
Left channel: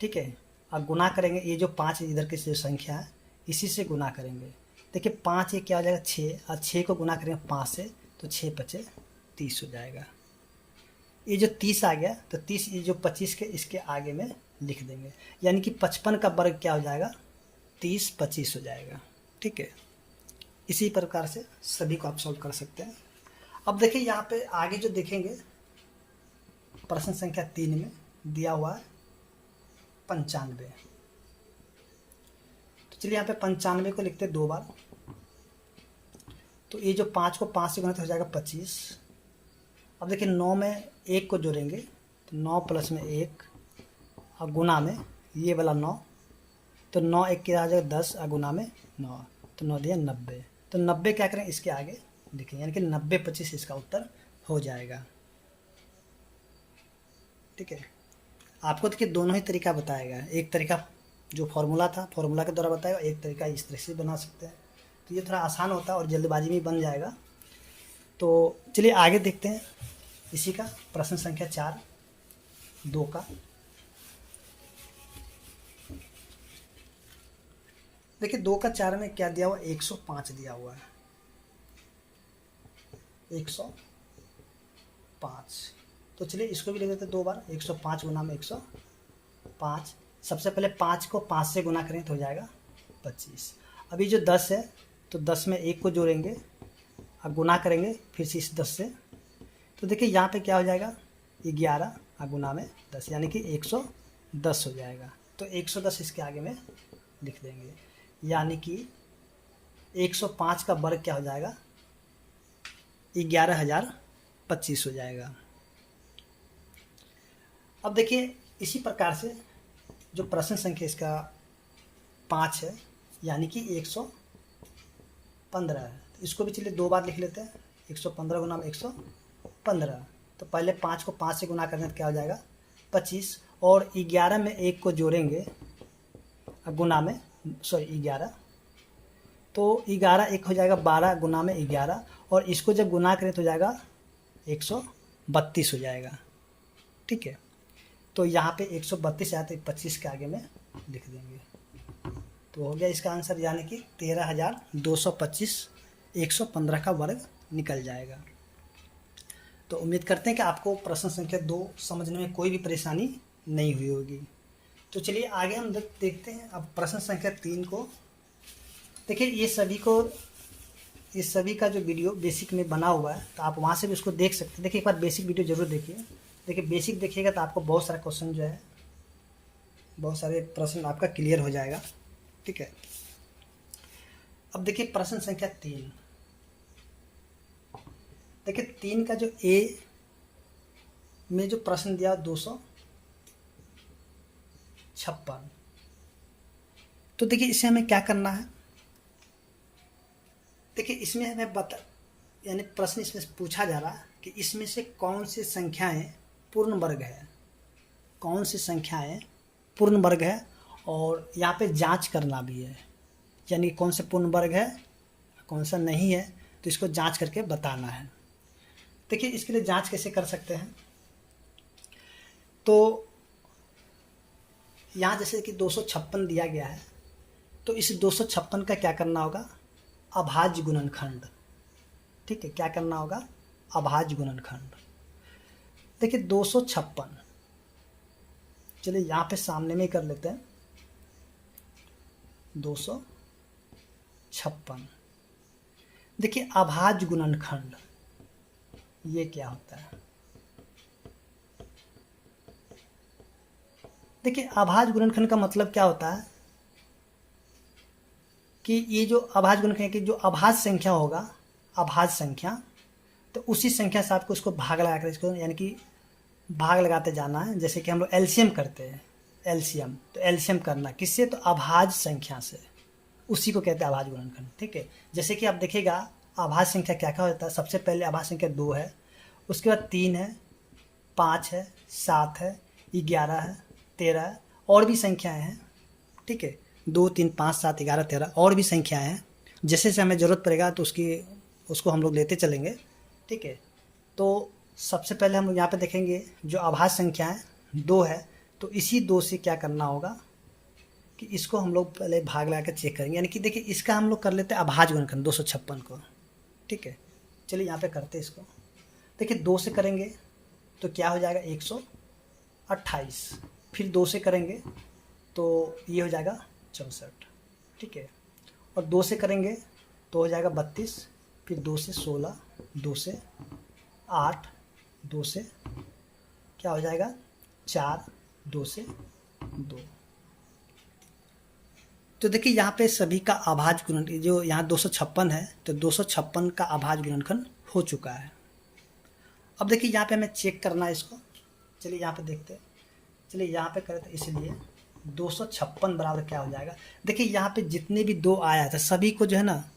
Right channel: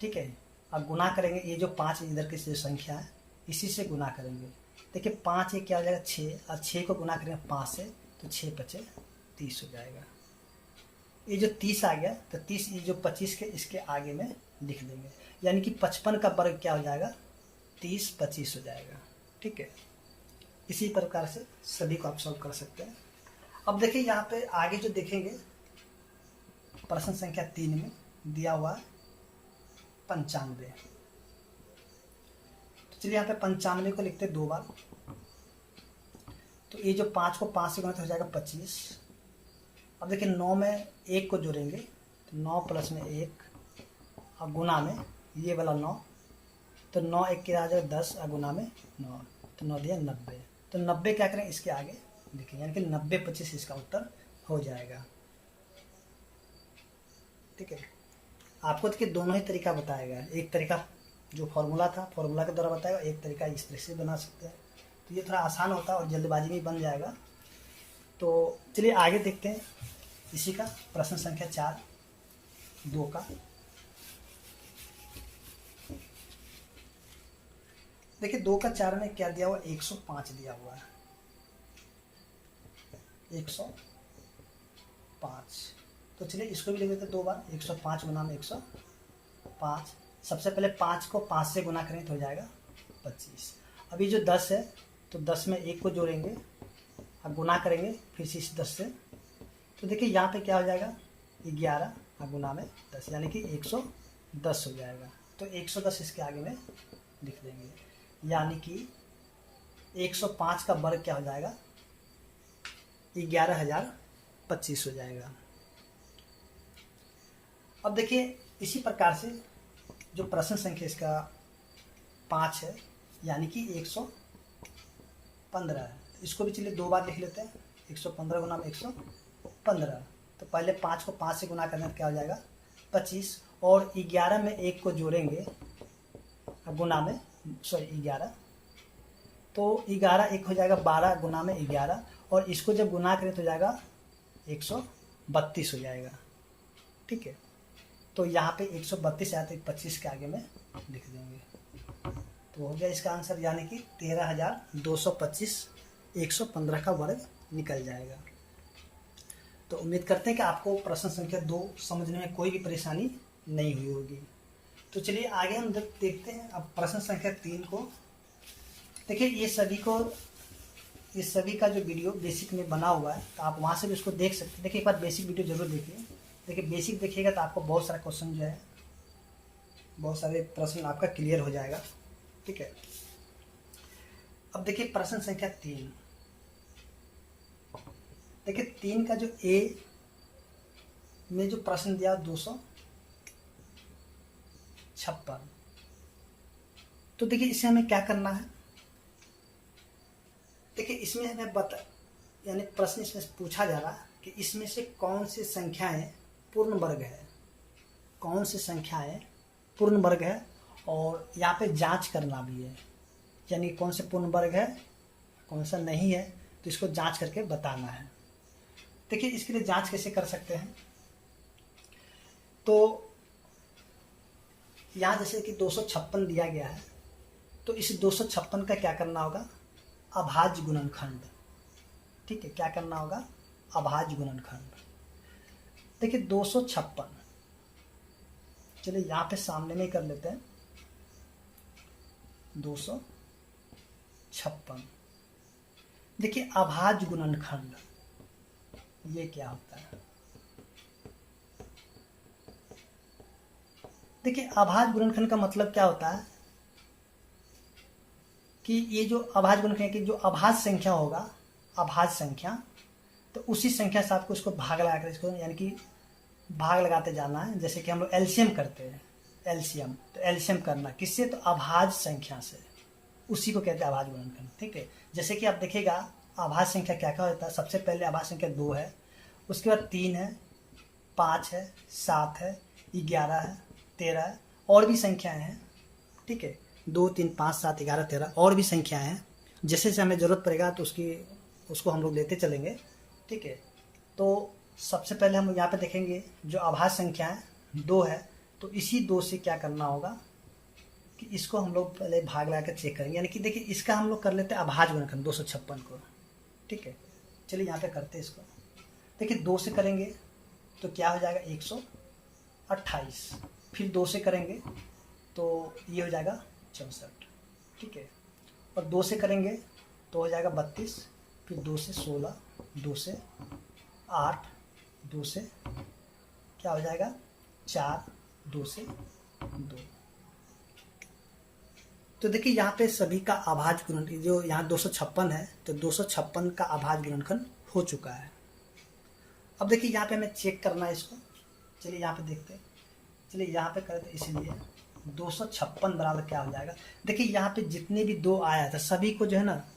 ठीक है, और गुना करेंगे, ये जो 5 इधर की जो संख्या है इसी से गुना करेंगे। देखिए 5 ये क्या हो जाएगा 6 और 6 को गुना करेंगे 5 से तो 6 5 30 हो जाएगा। ये जो 30 आ गया तो 30 ये जो 25 के इसके आगे में लिख देंगे, यानी कि 55 का वर्ग क्या हो जाएगा, 30 25 हो जाएगा। ठीक है, इसी प्रकार से सभी को आप सॉल्व कर सकते हैं। अब देखिए यहाँ पे आगे जो देखेंगे प्रश्न संख्या 3 में दिया हुआ है 95। तो चलिए यहाँ पे 95 को लिखते हैं 2 बार। तो ये जो 5 को 5 से गुना तो हो जाएगा 25। अब देखिए 9 में 1 को जोड़ेंगे तो 9 प्लस में 1 और गुना में ये वाला 9 तो 9 1 के आ जाएगा 10 और गुना में 9 तो 9 दिया 90। तो 90 क्या करें इसके आगे लिखेंगे, यानी कि 90 25 इसका उत्तर हो जाएगा। ठीक है, आपको देखिए दोनों ही तरीका बताया गया है। एक तरीका जो फॉर्मूला था फॉर्मूला के द्वारा बताएगा, एक तरीका इस तरह से बना सकते हैं। तो ये थोड़ा आसान होता है और जल्दबाजी में बन जाएगा। तो चलिए आगे देखते हैं इसी का प्रश्न संख्या 4 2 का। देखिए 2 का 4 में क्या दिया हुआ, 105 दिया हुआ है, 105। तो चलिए इसको भी लिख देते 2 बार, 105 गुना में 105। सबसे पहले 5 को 5 से गुना करें तो हो जाएगा 25। अभी जो 10 है तो 10 में 1 को जोड़ेंगे और गुना करेंगे फिर से इस 10 से। तो देखिए यहाँ पे क्या हो जाएगा, 11 और गुना में 10 यानी कि 110 हो जाएगा। तो 110 इसके आगे में लिख देंगे, यानी कि 105 का वर्ग क्या हो जाएगा, 11,025 हो जाएगा। अब देखिए इसी प्रकार से जो प्रश्न संख्या इसका 5 है यानी कि 115 है, इसको भी चलिए 2 बार लिख लेते हैं। 115 गुना में 115। तो पहले 5 को 5 से गुना करने तो क्या हो जाएगा 25 और 11 में 1 को जोड़ेंगे गुना में 11। तो 11 1 हो जाएगा 12 गुना में 11 और इसको जब गुना करें तो जाएगा 132 हो जाएगा। ठीक है, तो यहाँ पे 132 या तो 25 के आगे में लिख देंगे, तो हो गया इसका आंसर, यानी कि 13,225 115 का वर्ग निकल जाएगा। तो उम्मीद करते हैं कि आपको प्रश्न संख्या 2 समझने में कोई भी परेशानी नहीं हुई होगी। तो चलिए आगे हम देखते हैं अब प्रश्न संख्या 3 को। देखिए ये सभी का जो वीडियो बेसिक में बना हुआ है, तो आप वहाँ से भी उसको देख सकते हैं। देखिए एक बार बेसिक वीडियो जरूर देखिए। देखिए बेसिक देखिएगा तो आपको बहुत सारा क्वेश्चन जो है, बहुत सारे प्रश्न आपका क्लियर हो जाएगा। ठीक है, अब देखिए प्रश्न संख्या 3। देखिए 3 का जो ए में जो प्रश्न दिया 256, तो देखिए इसे हमें क्या करना है। देखिए इसमें हमें यानी प्रश्न इसमें पूछा जा रहा है कि इसमें से कौन सी संख्याएं पूर्ण वर्ग है, कौन सी संख्याएं पूर्ण वर्ग है, और यहाँ पे जांच करना भी है, यानी कौन से पूर्ण वर्ग है कौन सा नहीं है, तो इसको जांच करके बताना है। देखिए इसके लिए जांच कैसे कर सकते हैं, तो यहाँ जैसे कि 256 दिया गया है, तो इस 256 का क्या करना होगा, अभाज्य गुणनखंड। ठीक है, क्या करना होगा, अभाज्य गुणनखंड। देखिए 256, चलिए यहाँ पे सामने में कर लेते हैं 256। देखिए अभाज्य गुणनखंड ये क्या होता है। देखिए अभाज्य गुणनखंड का मतलब क्या होता है कि ये जो अभाज्य गुणनखंड की जो अभाज्य संख्या होगा, अभाज्य संख्या, तो उसी संख्या से आपको इसको भाग लगा कर इसको यानी कि भाग लगाते जाना है। जैसे कि हम लोग एलसीएम करते हैं, एलसीएम, तो एलसीएम करना किससे, तो अभाज्य संख्या से, उसी को कहते हैं अभाज्य गुणनखंड। ठीक है, जैसे कि आप देखिएगा अभाज्य संख्या क्या क्या होता है। सबसे पहले अभाज्य संख्या 2 है, उसके बाद 3 है, 5 है, 7 है, 11 है, 13 है, और भी संख्याएं हैं। ठीक है, 2, 3, 5, 7, 11, 13 और भी संख्याएं हैं। जैसे जैसे हमें ज़रूरत पड़ेगा तो उसको हम लोग लेते चलेंगे। ठीक है, तो सबसे पहले हम यहाँ पे देखेंगे जो अभाज्य संख्या है 2 है, तो इसी 2 से क्या करना होगा कि इसको हम लोग पहले भाग लगा कर चेक करेंगे। यानी कि देखिए इसका हम लोग कर लेते हैं अभाज्य गुणनखंड 256 को। ठीक है, चलिए यहाँ पे करते हैं इसको। देखिए 2 से करेंगे तो क्या हो जाएगा 128, फिर 2 से करेंगे तो ये हो जाएगा 64। ठीक है, और 2 से करेंगे तो हो जाएगा 32, फिर 2 से 16, 2 से 8, 2 से क्या हो जाएगा 4, 2 से 2। तो देखिए यहाँ पे सभी का अभाज्य गुणनखंड जो यहाँ 256 है, तो 256 का अभाज्य गुणनखंड हो चुका है। अब देखिए यहाँ पे हमें चेक करना है इसको। चलिए यहाँ पे देखते हैं, चलिए यहाँ पे करें तो इसलिए 256 बराबर क्या हो जाएगा। देखिए यहाँ पे जितने भी 2 आया था सभी को जो है ना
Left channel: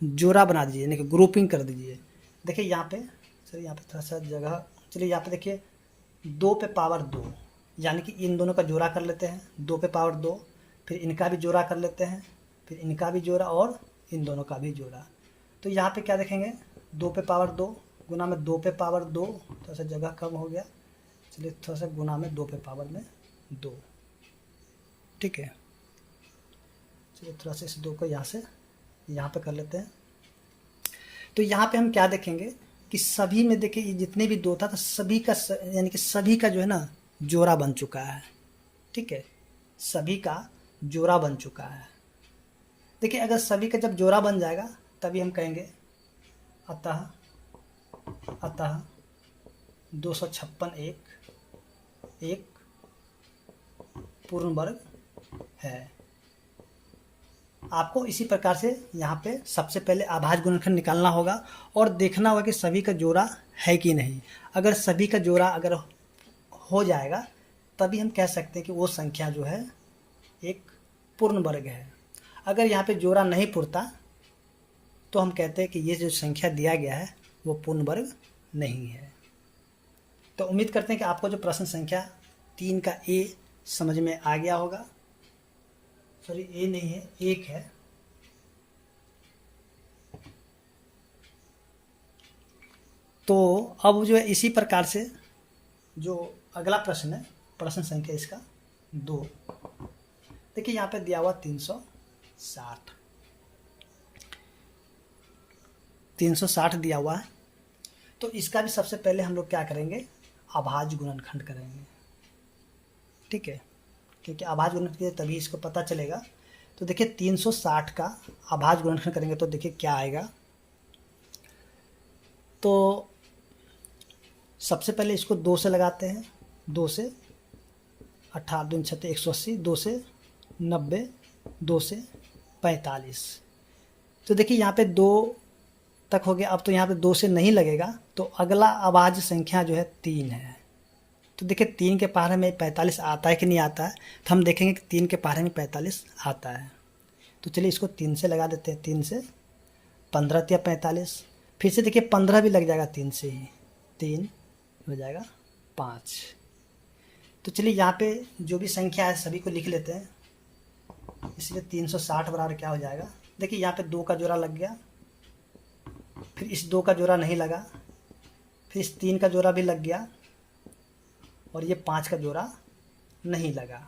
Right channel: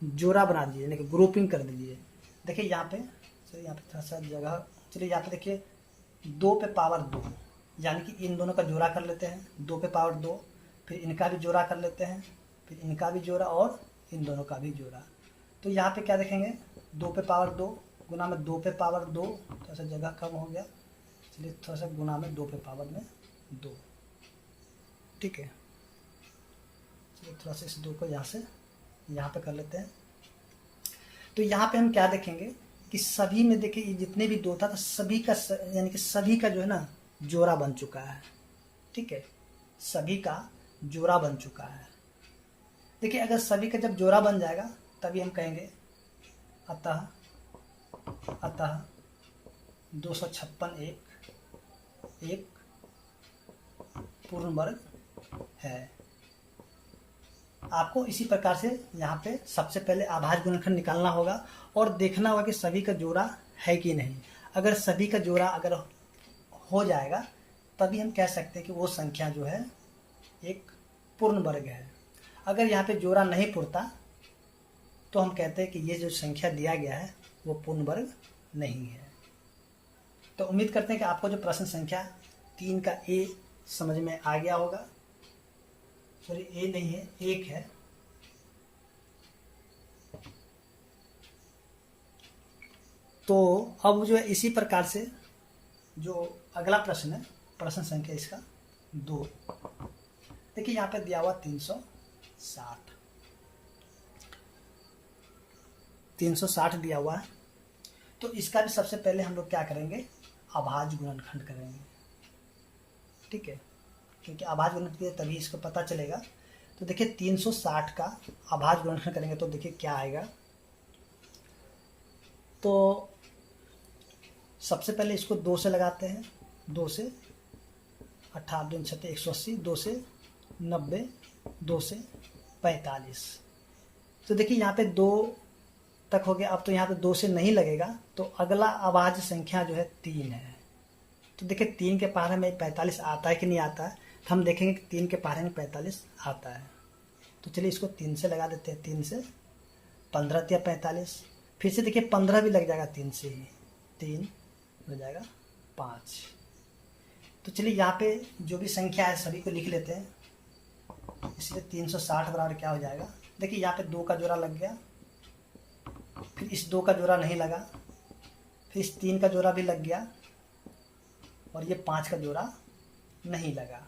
जोड़ा बना दीजिए, यानी कि ग्रुपिंग कर दीजिए। देखिए यहाँ पे, चलिए यहाँ पे थोड़ा सा जगह, चलिए यहाँ पे देखिए 2 पे पावर 2, यानी कि इन दोनों का जोड़ा कर लेते हैं, 2 पे पावर 2, फिर इनका भी जोड़ा कर लेते हैं, फिर इनका भी जोड़ा और इन दोनों का भी जोड़ा। तो यहाँ पे क्या देखेंगे 2 पे पावर 2 गुना में 2 पे पावर 2, थोड़ा सा जगह कम हो गया, चलिए थोड़ा सा गुना में 2 पे पावर में 2। ठीक है, चलिए थोड़ा सा इस 2 को यहाँ से यहाँ पे कर लेते हैं। तो यहाँ पे हम क्या देखेंगे कि सभी में देखिए ये जितने भी 2 था तो सभी का यानी कि सभी का जो है ना जोड़ा बन चुका है। ठीक है, सभी का जोड़ा बन चुका है। देखिए अगर सभी का जब जोड़ा बन जाएगा तभी हम कहेंगे अतः 256 एक पूर्ण वर्ग है। आपको इसी प्रकार से यहाँ पे सबसे पहले अभाज्य गुणनखंड निकालना होगा और देखना होगा कि सभी का जोड़ा है कि नहीं। अगर सभी का जोड़ा अगर हो जाएगा तभी हम कह सकते हैं कि वो संख्या जो है एक पूर्ण वर्ग है। अगर यहाँ पे जोड़ा नहीं पुरता तो हम कहते हैं कि ये जो संख्या दिया गया है वो पूर्ण वर्ग नहीं है। तो उम्मीद करते हैं कि आपको जो प्रश्न संख्या 3 का ए समझ में आ गया होगा। सॉरी ए नहीं है, 1 है। तो अब जो है इसी प्रकार से जो अगला प्रश्न है प्रश्न संख्या इसका 2। देखिए यहाँ पे दिया हुआ 360 दिया हुआ है। तो इसका भी सबसे पहले हम लोग क्या करेंगे, अभाज्य गुणनखंड करेंगे। ठीक है, क्योंकि अभाज्य गुणनखंड तभी इसको पता चलेगा। तो देखिए 360 का अभाज्य गुणनखंड करेंगे तो देखिए क्या आएगा। तो सबसे पहले इसको 2 से लगाते हैं। 2 से 18 दूनी 36 180, 2 से 90, 2 से 45। तो देखिए यहाँ पे 2 तक हो गया। अब तो यहाँ पे 2 से नहीं लगेगा, तो अगला अभाज्य संख्या जो है 3 है। तो देखिए 3 के पहाड़े में 45 आता है कि नहीं आता है, तो हम देखेंगे कि 3 के पहाड़े में 45 आता है। तो चलिए इसको 3 से लगा देते हैं। 3 से 15 या 45, फिर से देखिए 15 भी लग जाएगा 3 से ही, 3 हो जाएगा 5। तो चलिए यहाँ पे जो भी संख्या है सभी को लिख लेते हैं। इसलिए 360 बराबर क्या हो जाएगा, देखिए यहाँ पे 2 का जोड़ा लग गया, फिर इस 2 का जोड़ा नहीं लगा, फिर इस 3 का जोड़ा भी लग गया, और ये 5 का जोड़ा नहीं लगा।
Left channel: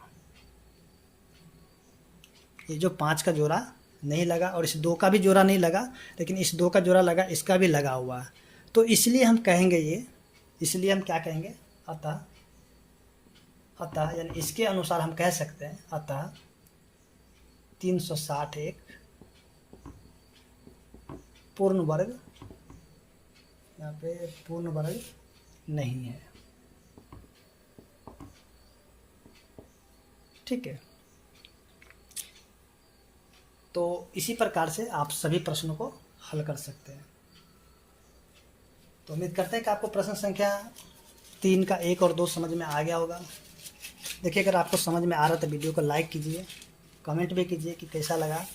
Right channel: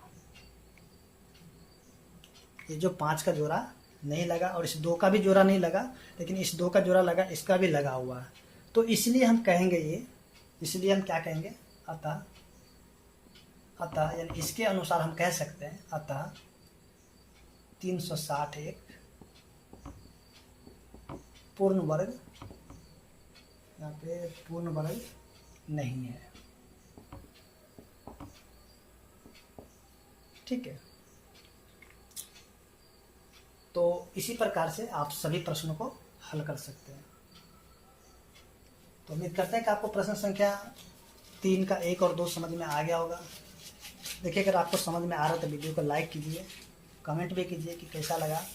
ये जो 5 का जोड़ा नहीं लगा और इस 2 का भी जोड़ा नहीं लगा, लेकिन इस 2 का जोड़ा लगा, इसका भी लगा हुआ है। तो इसलिए हम कहेंगे इसलिए हम क्या कहेंगे, अतः यानी इसके अनुसार हम कह सकते हैं अतः 360 एक पूर्ण वर्ग, यहाँ पे पूर्ण वर्ग नहीं है। ठीक है, तो इसी प्रकार से आप सभी प्रश्नों को हल कर सकते हैं। तो उम्मीद करते हैं कि आपको प्रश्न संख्या 3 का 1 और 2 समझ में आ गया होगा। देखिए अगर आपको समझ में आ रहा है तो वीडियो को लाइक कीजिए, कमेंट भी कीजिए कि कैसा लगा।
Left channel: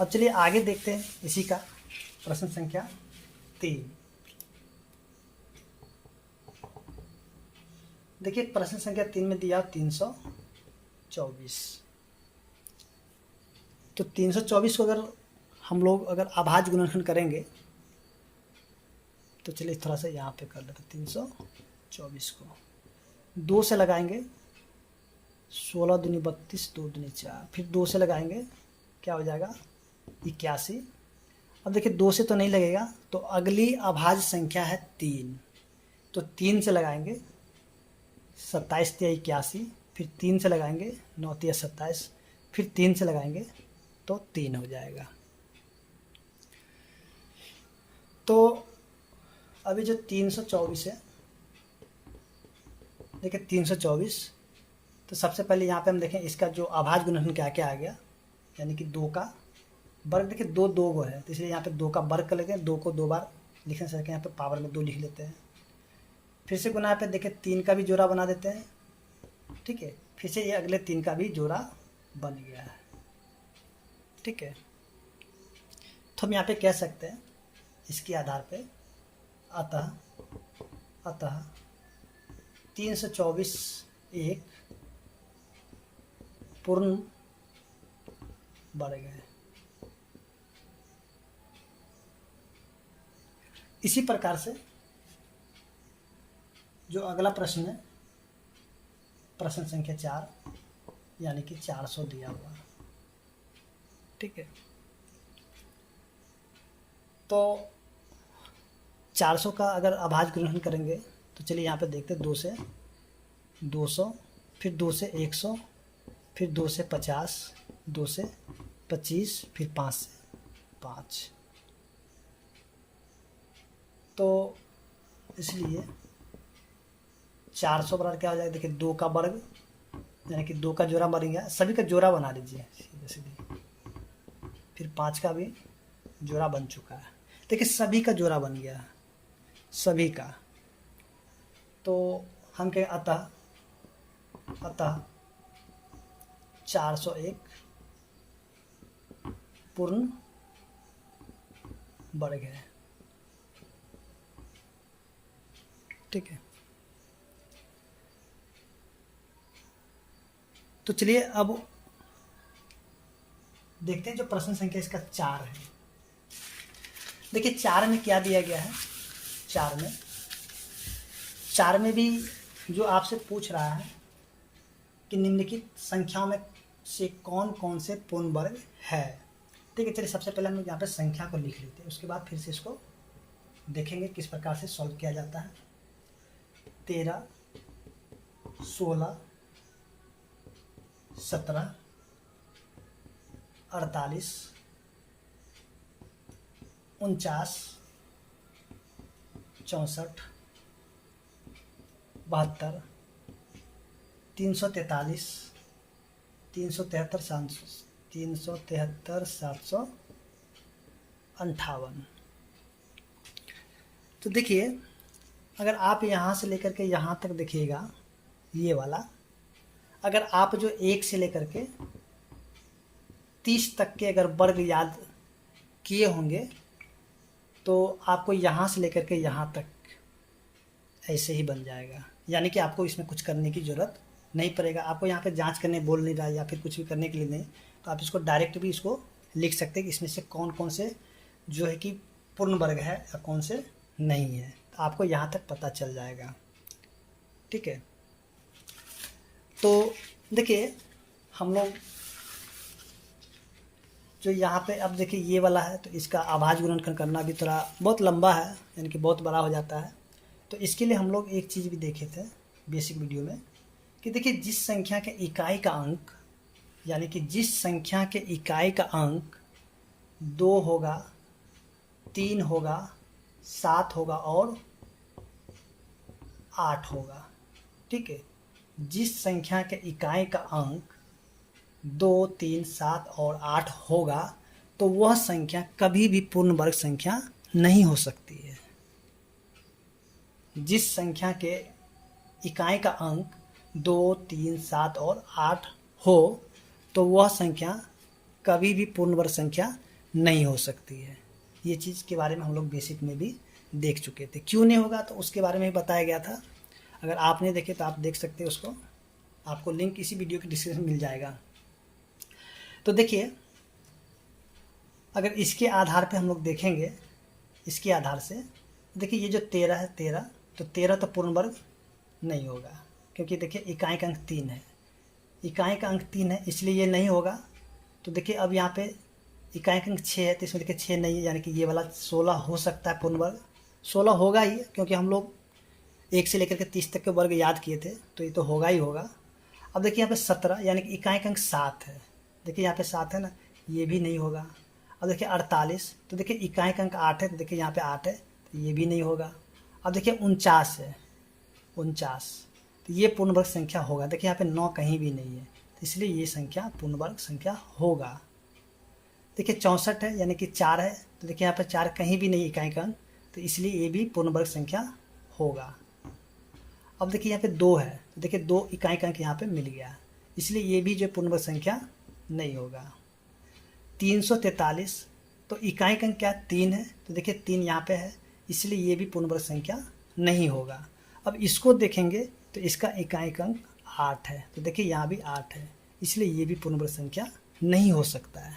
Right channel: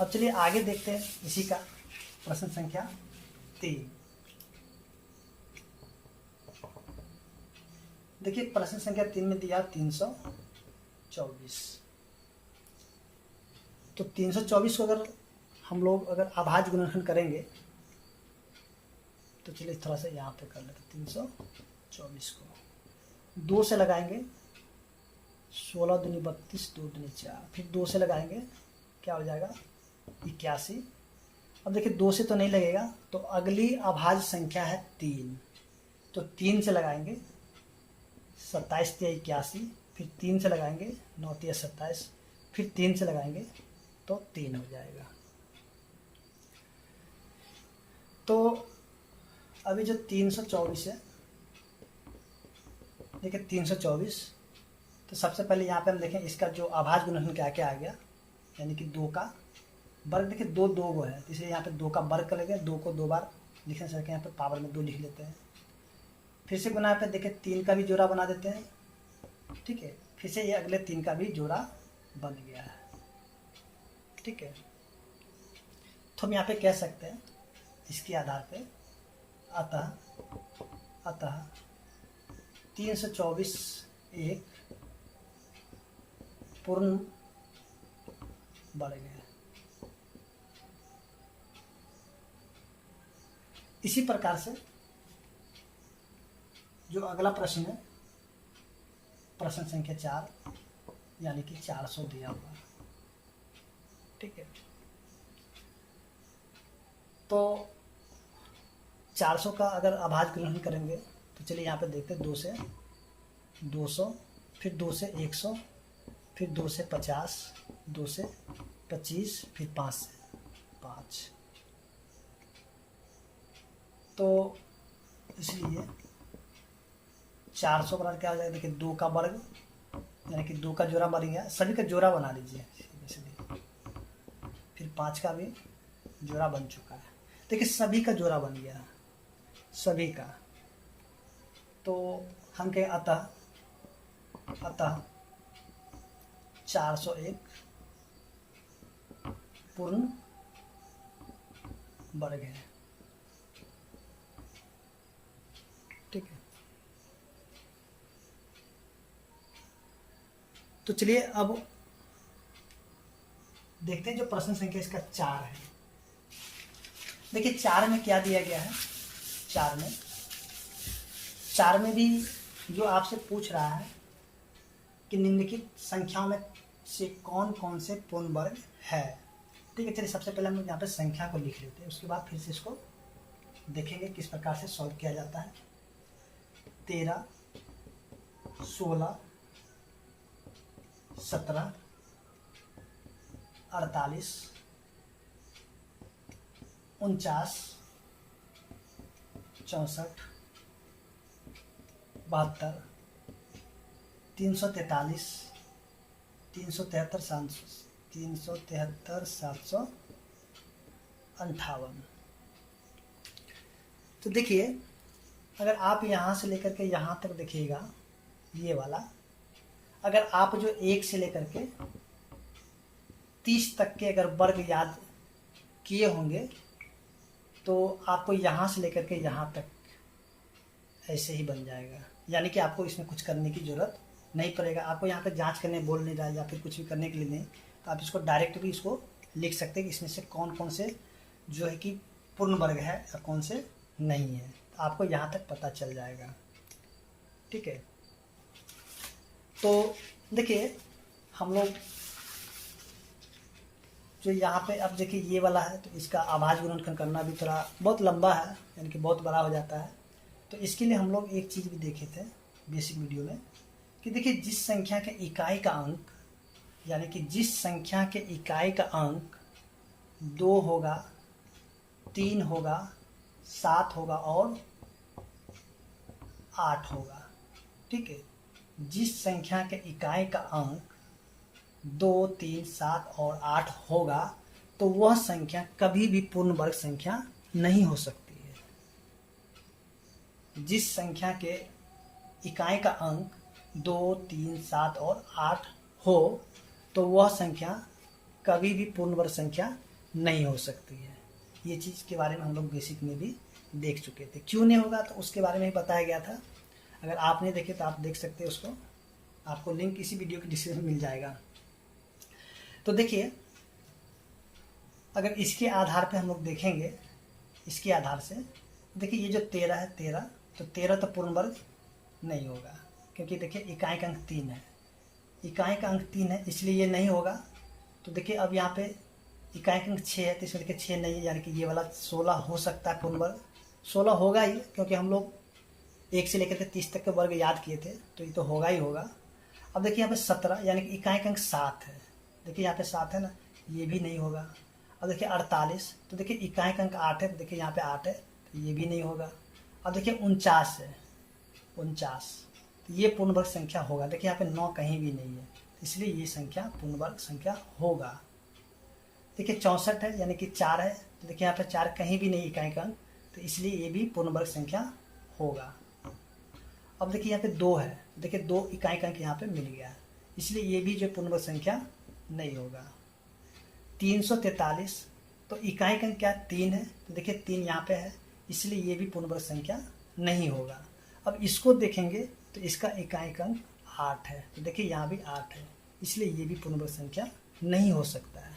अब चलिए आगे देखते हैं इसी का प्रश्न संख्या 3। देखिए प्रश्न संख्या 3 में दिया 324। तो 324 को अगर हम लोग अभाज्य गुणनखंड करेंगे तो चलिए थोड़ा सा यहाँ पे कर लेते हैं। 324 को 2 से लगाएंगे, 16 दूनी 32, 2 दूनी 4, फिर 2 से लगाएंगे, क्या हो जाएगा 81। अब देखिए 2 से तो नहीं लगेगा, तो अगली अभाज्य संख्या है 3। तो 3 से लगाएंगे, 27 या 81, फिर 3 से लगाएंगे, 9 या 27, फिर 3 से लगाएंगे तो 3 हो जाएगा। तो अभी जो 324 है, देखिए 324, तो सबसे पहले यहाँ पे हम देखें इसका जो अभाज्य गुणनखंड क्या क्या आ गया, यानी कि 2 का वर्ग। देखिए 2 2 है, तो इसलिए यहाँ पे 2 का वर्ग कर लेंगे। 2 को 2 बार लिखने से यहाँ पे पावर में 2 लिख लेते हैं। फिर से गुना पे देखिए 3 का भी जोड़ा बना देते हैं। ठीक है, फिर से ये अगले 3 का भी जोड़ा बन गया है। ठीक है, तो हम यहाँ पे कह सकते हैं इसके आधार पे अतः 324 एक पूर्ण वर्ग है। इसी प्रकार से जो अगला प्रश्न है, प्रश्न संख्या 4, यानी कि 400 दिया हुआ। ठीक है, तो 400 का अगर अभाज्य गुणनखंड करेंगे तो चलिए यहाँ पे देखते हैं। 2 से 200, फिर 2 से 100, फिर 2 से 50, 2 से 25, फिर 5 से 5। तो इसलिए 400 बराबर क्या हो जाएगा, देखिए 2 का वर्ग, यानी कि 2 का जोड़ा बन गया। सभी का जोड़ा बना लीजिए सीधे, फिर 5 का भी जोड़ा बन चुका है। देखिए सभी का जोड़ा बन गया, सभी का। तो हम कहें अतः 401 पूर्ण वर्ग है। ठीक है, तो चलिए अब देखते हैं जो प्रश्न संख्या इसका 4 है। देखिए 4 में क्या दिया गया है। 4 में 4 में भी जो आपसे पूछ रहा है कि निम्नलिखित संख्याओं में से कौन कौन से पूर्ण वर्ग है। ठीक है, चलिए सबसे पहले हम लोग यहाँ पे संख्या को लिख लेते हैं, उसके बाद फिर से इसको देखेंगे किस प्रकार से सॉल्व किया जाता है। 13, 16, 17, 48, 49, 64, 72, 343, 373, 758। तो देखिए, अगर आप यहाँ से लेकर के यहाँ तक देखिएगा, ये वाला अगर आप जो 1 से लेकर के 30 तक के अगर वर्ग याद किए होंगे तो आपको यहाँ से लेकर के यहाँ तक ऐसे ही बन जाएगा। यानी कि आपको इसमें कुछ करने की ज़रूरत नहीं पड़ेगा। आपको यहाँ पे जांच करने बोल नहीं रहा है या फिर कुछ भी करने के लिए नहीं, तो आप इसको डायरेक्ट भी इसको लिख सकते हैं कि इसमें से कौन कौन से जो है कि पूर्ण वर्ग है और कौन से नहीं है। तो आपको यहाँ तक पता चल जाएगा। ठीक है, तो देखिए हम लोग जो यहाँ पे अब देखिए ये वाला है, तो इसका अभाज्य गुणनखंड करना भी थोड़ा बहुत लंबा है, यानी कि बहुत बड़ा हो जाता है। तो इसके लिए हम लोग एक चीज़ भी देखे थे बेसिक वीडियो में कि देखिए जिस संख्या के इकाई का अंक, यानी कि जिस संख्या के इकाई का अंक 2 होगा, 3 होगा, 7 होगा और 8 होगा। ठीक है, जिस संख्या के इकाई का अंक 2, 3, 7 और 8 होगा तो वह संख्या कभी भी पूर्ण वर्ग संख्या नहीं हो सकती है। जिस संख्या के इकाई का अंक 2, 3, 7 और 8 हो तो वह संख्या कभी भी पूर्ण वर्ग संख्या नहीं हो सकती है। ये चीज़ के बारे में हम लोग बेसिक में भी देख चुके थे। क्यों नहीं होगा तो उसके बारे में भी बताया गया था। अगर आपने देखे तो आप देख सकते हैं उसको, आपको लिंक इसी वीडियो के डिस्क्रिप्शन में मिल जाएगा। तो देखिए, अगर इसके आधार पे हम लोग देखेंगे, इसके आधार से देखिए ये जो 13 है, 13 तो 13 तो पूर्ण वर्ग नहीं होगा, क्योंकि देखिए इकाई का अंक 3 है, इकाई का अंक 3 है, इसलिए ये नहीं होगा। तो देखिए अब यहाँ पे इकाई का अंक 6 है, तो इसमें देखिए 6 नहीं है, यानी कि ये वाला 16 हो सकता है पूर्ण वर्ग। 16 होगा ही, क्योंकि हम लोग 1 से लेकर के 30 तक के वर्ग याद किए थे, तो ये तो होगा ही होगा। अब देखिए यहाँ पे 17, यानी कि इकाई का अंक 7 है, देखिए यहाँ पे 7 है ना, ये भी नहीं होगा। अब देखिए 48, तो देखिए इकाई का अंक 8 है, तो देखिए यहाँ पे 8 है, तो ये भी नहीं होगा। अब देखिए 49 है, 49 तो ये पूर्ण वर्ग संख्या होगा। देखिए यहाँ पे 9 कहीं भी नहीं है, तो इसलिए ये संख्या पूर्ण वर्ग संख्या होगा। देखिए 64 है, यानी कि 4 है, तो देखिए यहाँ पे 4 कहीं भी नहीं इकाई का अंक, तो इसलिए ये भी पूर्ण वर्ग संख्या होगा। अब देखिए यहाँ पे 2 है, तो देखिए 2 इकाई का अंक यहाँ पे मिल गया, इसलिए ये भी जो पूर्ण वर्ग संख्या नहीं होगा। 343, तो इकाई का अंक क्या 3 है, तो देखिए 3 यहाँ पे है, इसलिए ये भी पूर्ण वर्ग संख्या नहीं होगा। अब इसको देखेंगे तो इसका इकाई का अंक 8 है, तो देखिए यहाँ भी 8 है, इसलिए ये भी पूर्ण वर्ग संख्या नहीं हो सकता है।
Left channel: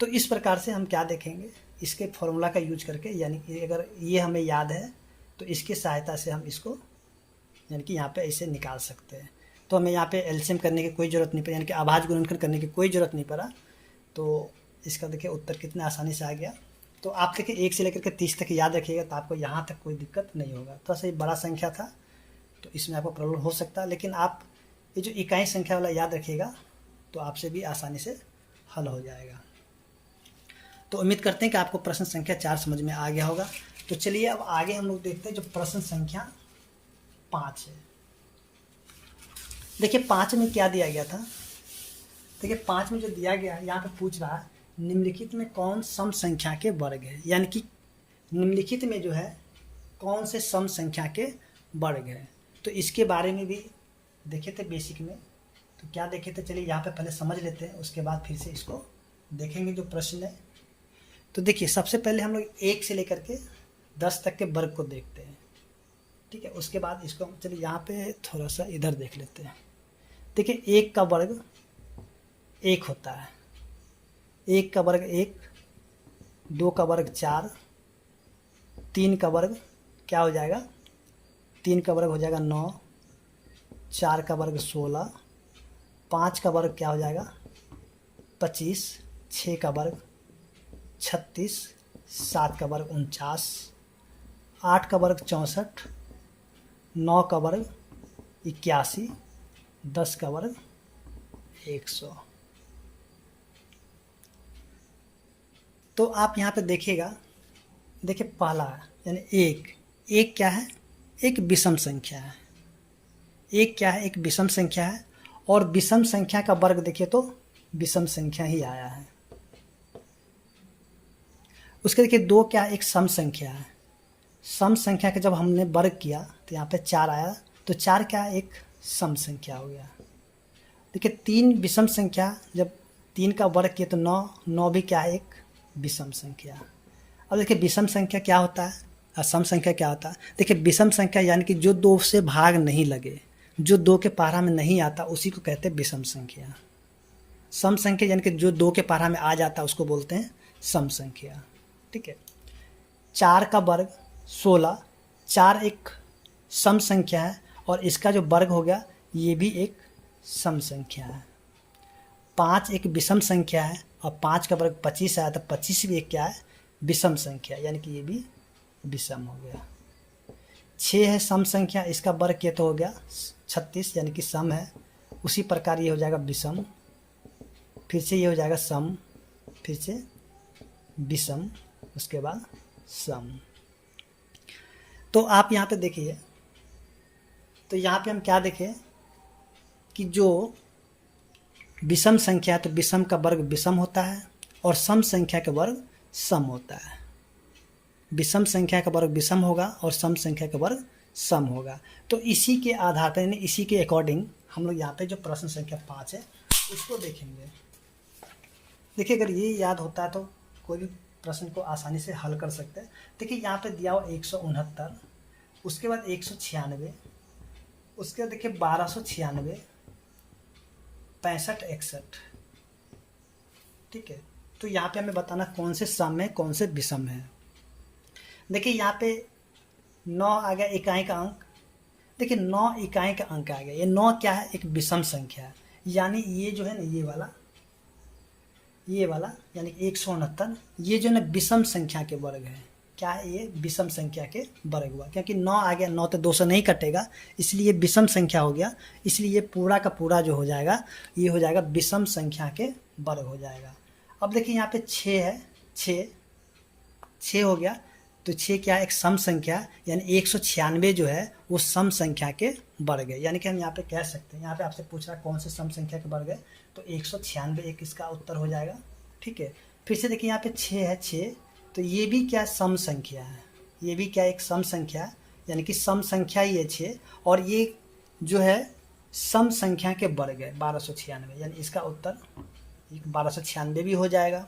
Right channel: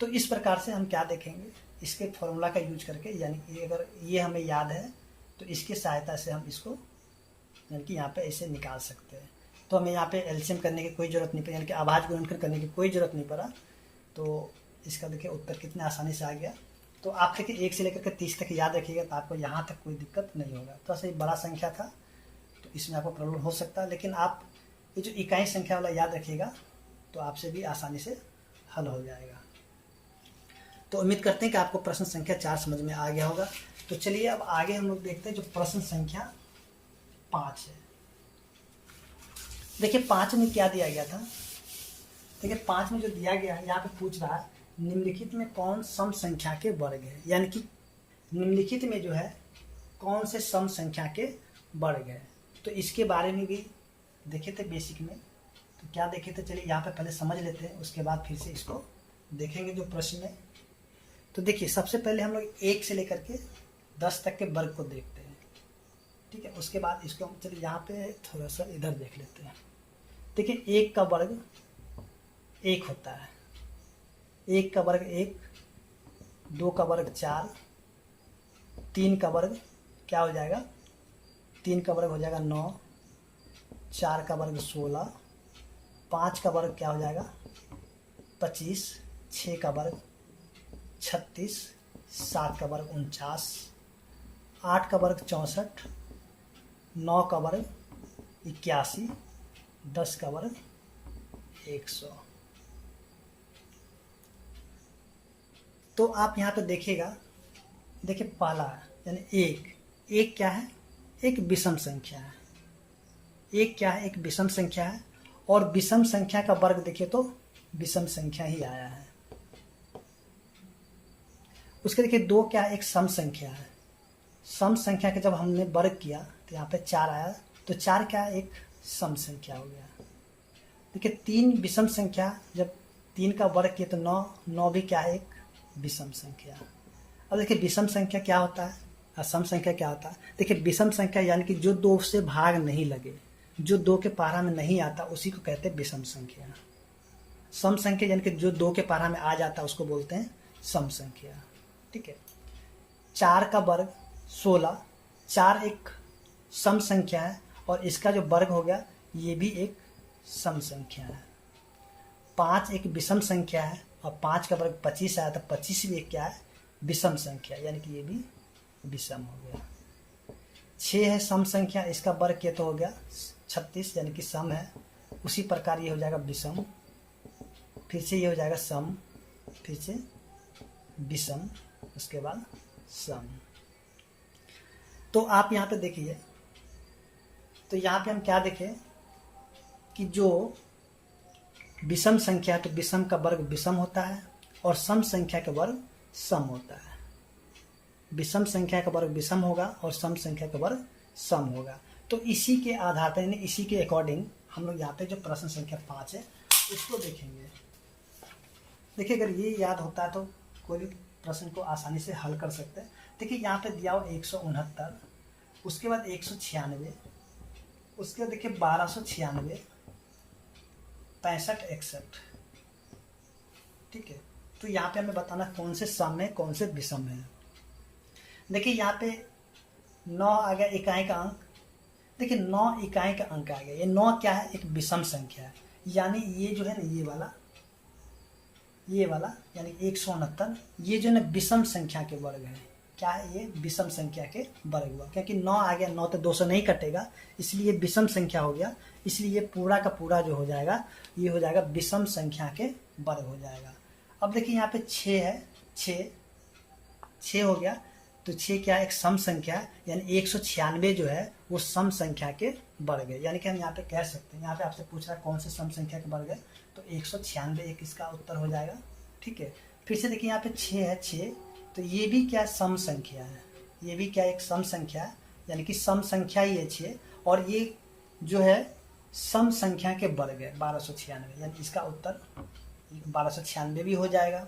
तो इस प्रकार से हम क्या देखेंगे, इसके फॉर्मूला का यूज करके, यानी कि अगर ये हमें याद है तो इसकी सहायता से हम इसको यानी कि यहाँ पे ऐसे निकाल सकते हैं। तो हमें यहाँ पे एलसीएम करने की कोई ज़रूरत नहीं पड़ी, यानी कि अभाज्य गुणनखंड करने की कोई ज़रूरत नहीं पड़ा। तो इसका देखिए उत्तर कितने आसानी से आ गया। तो आप देखिए 1 से लेकर के 30 तक याद रखिएगा, तो आपको यहाँ तक कोई दिक्कत नहीं होगा। थोड़ा सा ये बड़ा संख्या था तो इसमें आपको प्रॉब्लम हो सकता है, लेकिन आप ये जो इकाई संख्या वाला याद रखिएगा तो आपसे भी आसानी से हल हो जाएगा। तो उम्मीद करते हैं कि आपको प्रश्न संख्या 4 समझ में आ गया होगा। तो चलिए अब आगे हम लोग देखते हैं जो प्रश्न संख्या 5 है। देखिए 5 में क्या दिया गया था, देखिए 5 में जो दिया गया है यहाँ पे पूछ रहा है निम्नलिखित में कौन सम संख्या के वर्ग है, यानी कि निम्नलिखित में जो है कौन से सम संख्या के वर्ग है। तो इसके बारे में भी देखे थे बेसिक में, तो क्या देखे थे चलिए यहाँ पे पहले समझ लेते हैं, उसके बाद फिर से इसको देखेंगे जो प्रश्न है। तो देखिए सबसे पहले हम लोग 1 से लेकर के 10 तक के वर्ग को देखते हैं, ठीक है। उसके बाद इसको चलिए यहाँ पे थोड़ा सा इधर देख लेते हैं। देखिए 1 का वर्ग 1 होता है, 1 का वर्ग 1, 2 का वर्ग 4, 3 का वर्ग क्या हो जाएगा 3 का वर्ग हो जाएगा 9, 4 का वर्ग 16, 5 का वर्ग क्या हो जाएगा 25, 6 का वर्ग 36, 7 का वर्ग 49, 8 का वर्ग 64, 9 का वर्ग 81, 10 का वर्ग 100। तो आप यहाँ पे देखिएगा, देखिए पहला यानी एक क्या है, एक विषम संख्या है। एक क्या है, एक विषम संख्या है, और विषम संख्या का वर्ग देखिए तो विषम संख्या ही आया है। उसके देखिए 2 क्या है, एक सम संख्या है। सम संख्या का जब हमने वर्ग किया तो यहाँ पे 4 आया, तो 4 क्या है, एक सम संख्या हो गया। देखिए 3 विषम संख्या, जब 3 का वर्ग किया तो 9 भी क्या है, एक विषम संख्या। अब देखिए विषम संख्या क्या होता है और सम संख्या क्या होता है। देखिए विषम संख्या यानी कि जो 2 से भाग नहीं लगे, जो 2 के पारा में नहीं आता, उसी को कहते हैं विषम संख्या। सम संख्या यानी कि जो 2 के पारा में आ जाता है उसको बोलते हैं सम संख्या। ठीक है, 4 का वर्ग 16, 4 एक सम संख्या है और इसका जो वर्ग हो गया ये भी एक सम संख्या है। 5 एक विषम संख्या है और 5 का वर्ग 25 आया, तो 25 भी एक क्या है, विषम संख्या, यानी कि ये भी विषम हो गया। 6 है सम संख्या, इसका वर्ग किया तो हो गया 36, यानी कि सम है। उसी प्रकार ये हो जाएगा विषम, फिर से ये हो जाएगा सम, फिर से विषम, उसके बाद सम। तो आप यहाँ पे देखिए, तो यहाँ पे हम क्या देखें कि जो विषम संख्या है तो विषम का वर्ग विषम होता है और सम संख्या का वर्ग सम होता है। विषम संख्या का वर्ग विषम होगा और सम संख्या का वर्ग सम होगा। तो इसी के आधार पर, यानी इसी के अकॉर्डिंग हम लोग यहाँ पे जो प्रश्न संख्या 5 है इसको देखेंगे। देखिए अगर ये याद होता है तो कोई भी प्रश्न को आसानी से हल कर सकते हैं। देखिए यहाँ पे दिया हो 169, उसके बाद 196, उसके बाद देखिए 1296, 65, 61। ठीक है, तो यहाँ पे हमें बताना कौन से सम है कौन से विषम है। देखिए यहाँ पे 9 आ गया इकाई का अंक। देखिए 9 इकाई का अंक आ गया। ये 9 क्या है, एक विषम संख्या है, यानी ये जो है ना ये वाला यानी 169, ये जो है ना विषम संख्या के वर्ग है। क्या है, ये विषम संख्या के वर्ग हुआ, क्योंकि 9 आ गया, 9 तो 2 से नहीं कटेगा, इसलिए विषम संख्या हो गया। इसलिए ये पूरा का पूरा जो हो जाएगा ये हो जाएगा विषम संख्या के वर्ग हो जाएगा। अब देखिए यहाँ पे 6 है, 6 हो गया, तो 6 क्या है, एक सम संख्या, यानी 196 जो है वो सम संख्या के वर्ग है। यानी कि हम यहाँ पे कह सकते हैं, यहाँ पे आपसे पूछ रहा है कौन से सम संख्या के वर्ग है, तो 196 एक इसका उत्तर हो जाएगा। ठीक है, फिर से देखिए यहाँ पे 6 है, 6, तो ये भी क्या सम संख्या है, ये भी क्या एक सम संख्या है, यानी कि सम संख्या ही है 6, और ये जो है सम संख्या के वर्ग है 1296, यानी इसका उत्तर 1296 भी हो जाएगा।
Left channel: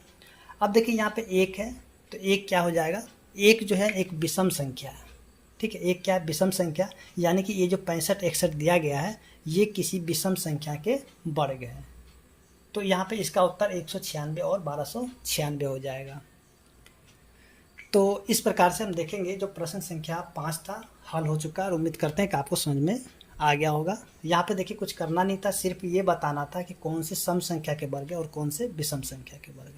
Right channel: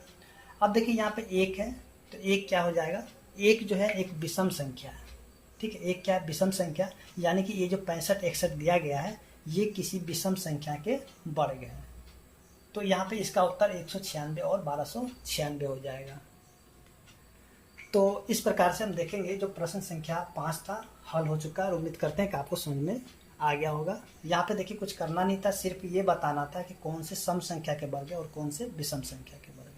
अब देखिए यहाँ पे 1 है, तो 1 क्या हो जाएगा, 1 जो है एक विषम संख्या है। ठीक है, 1 क्या है, विषम संख्या, यानी कि ये जो 65, 61 दिया गया है ये किसी विषम संख्या के वर्ग है। तो यहाँ पे इसका उत्तर 196 और 1296 हो जाएगा। तो इस प्रकार से हम देखेंगे जो प्रश्न संख्या 5 था हल हो चुका है, और उम्मीद करते हैं कि आपको समझ में आ गया होगा। यहाँ पे देखिए कुछ करना नहीं था, सिर्फ ये बताना था कि कौन से सम संख्या के वर्ग है और कौन से विषम संख्या के वर्ग।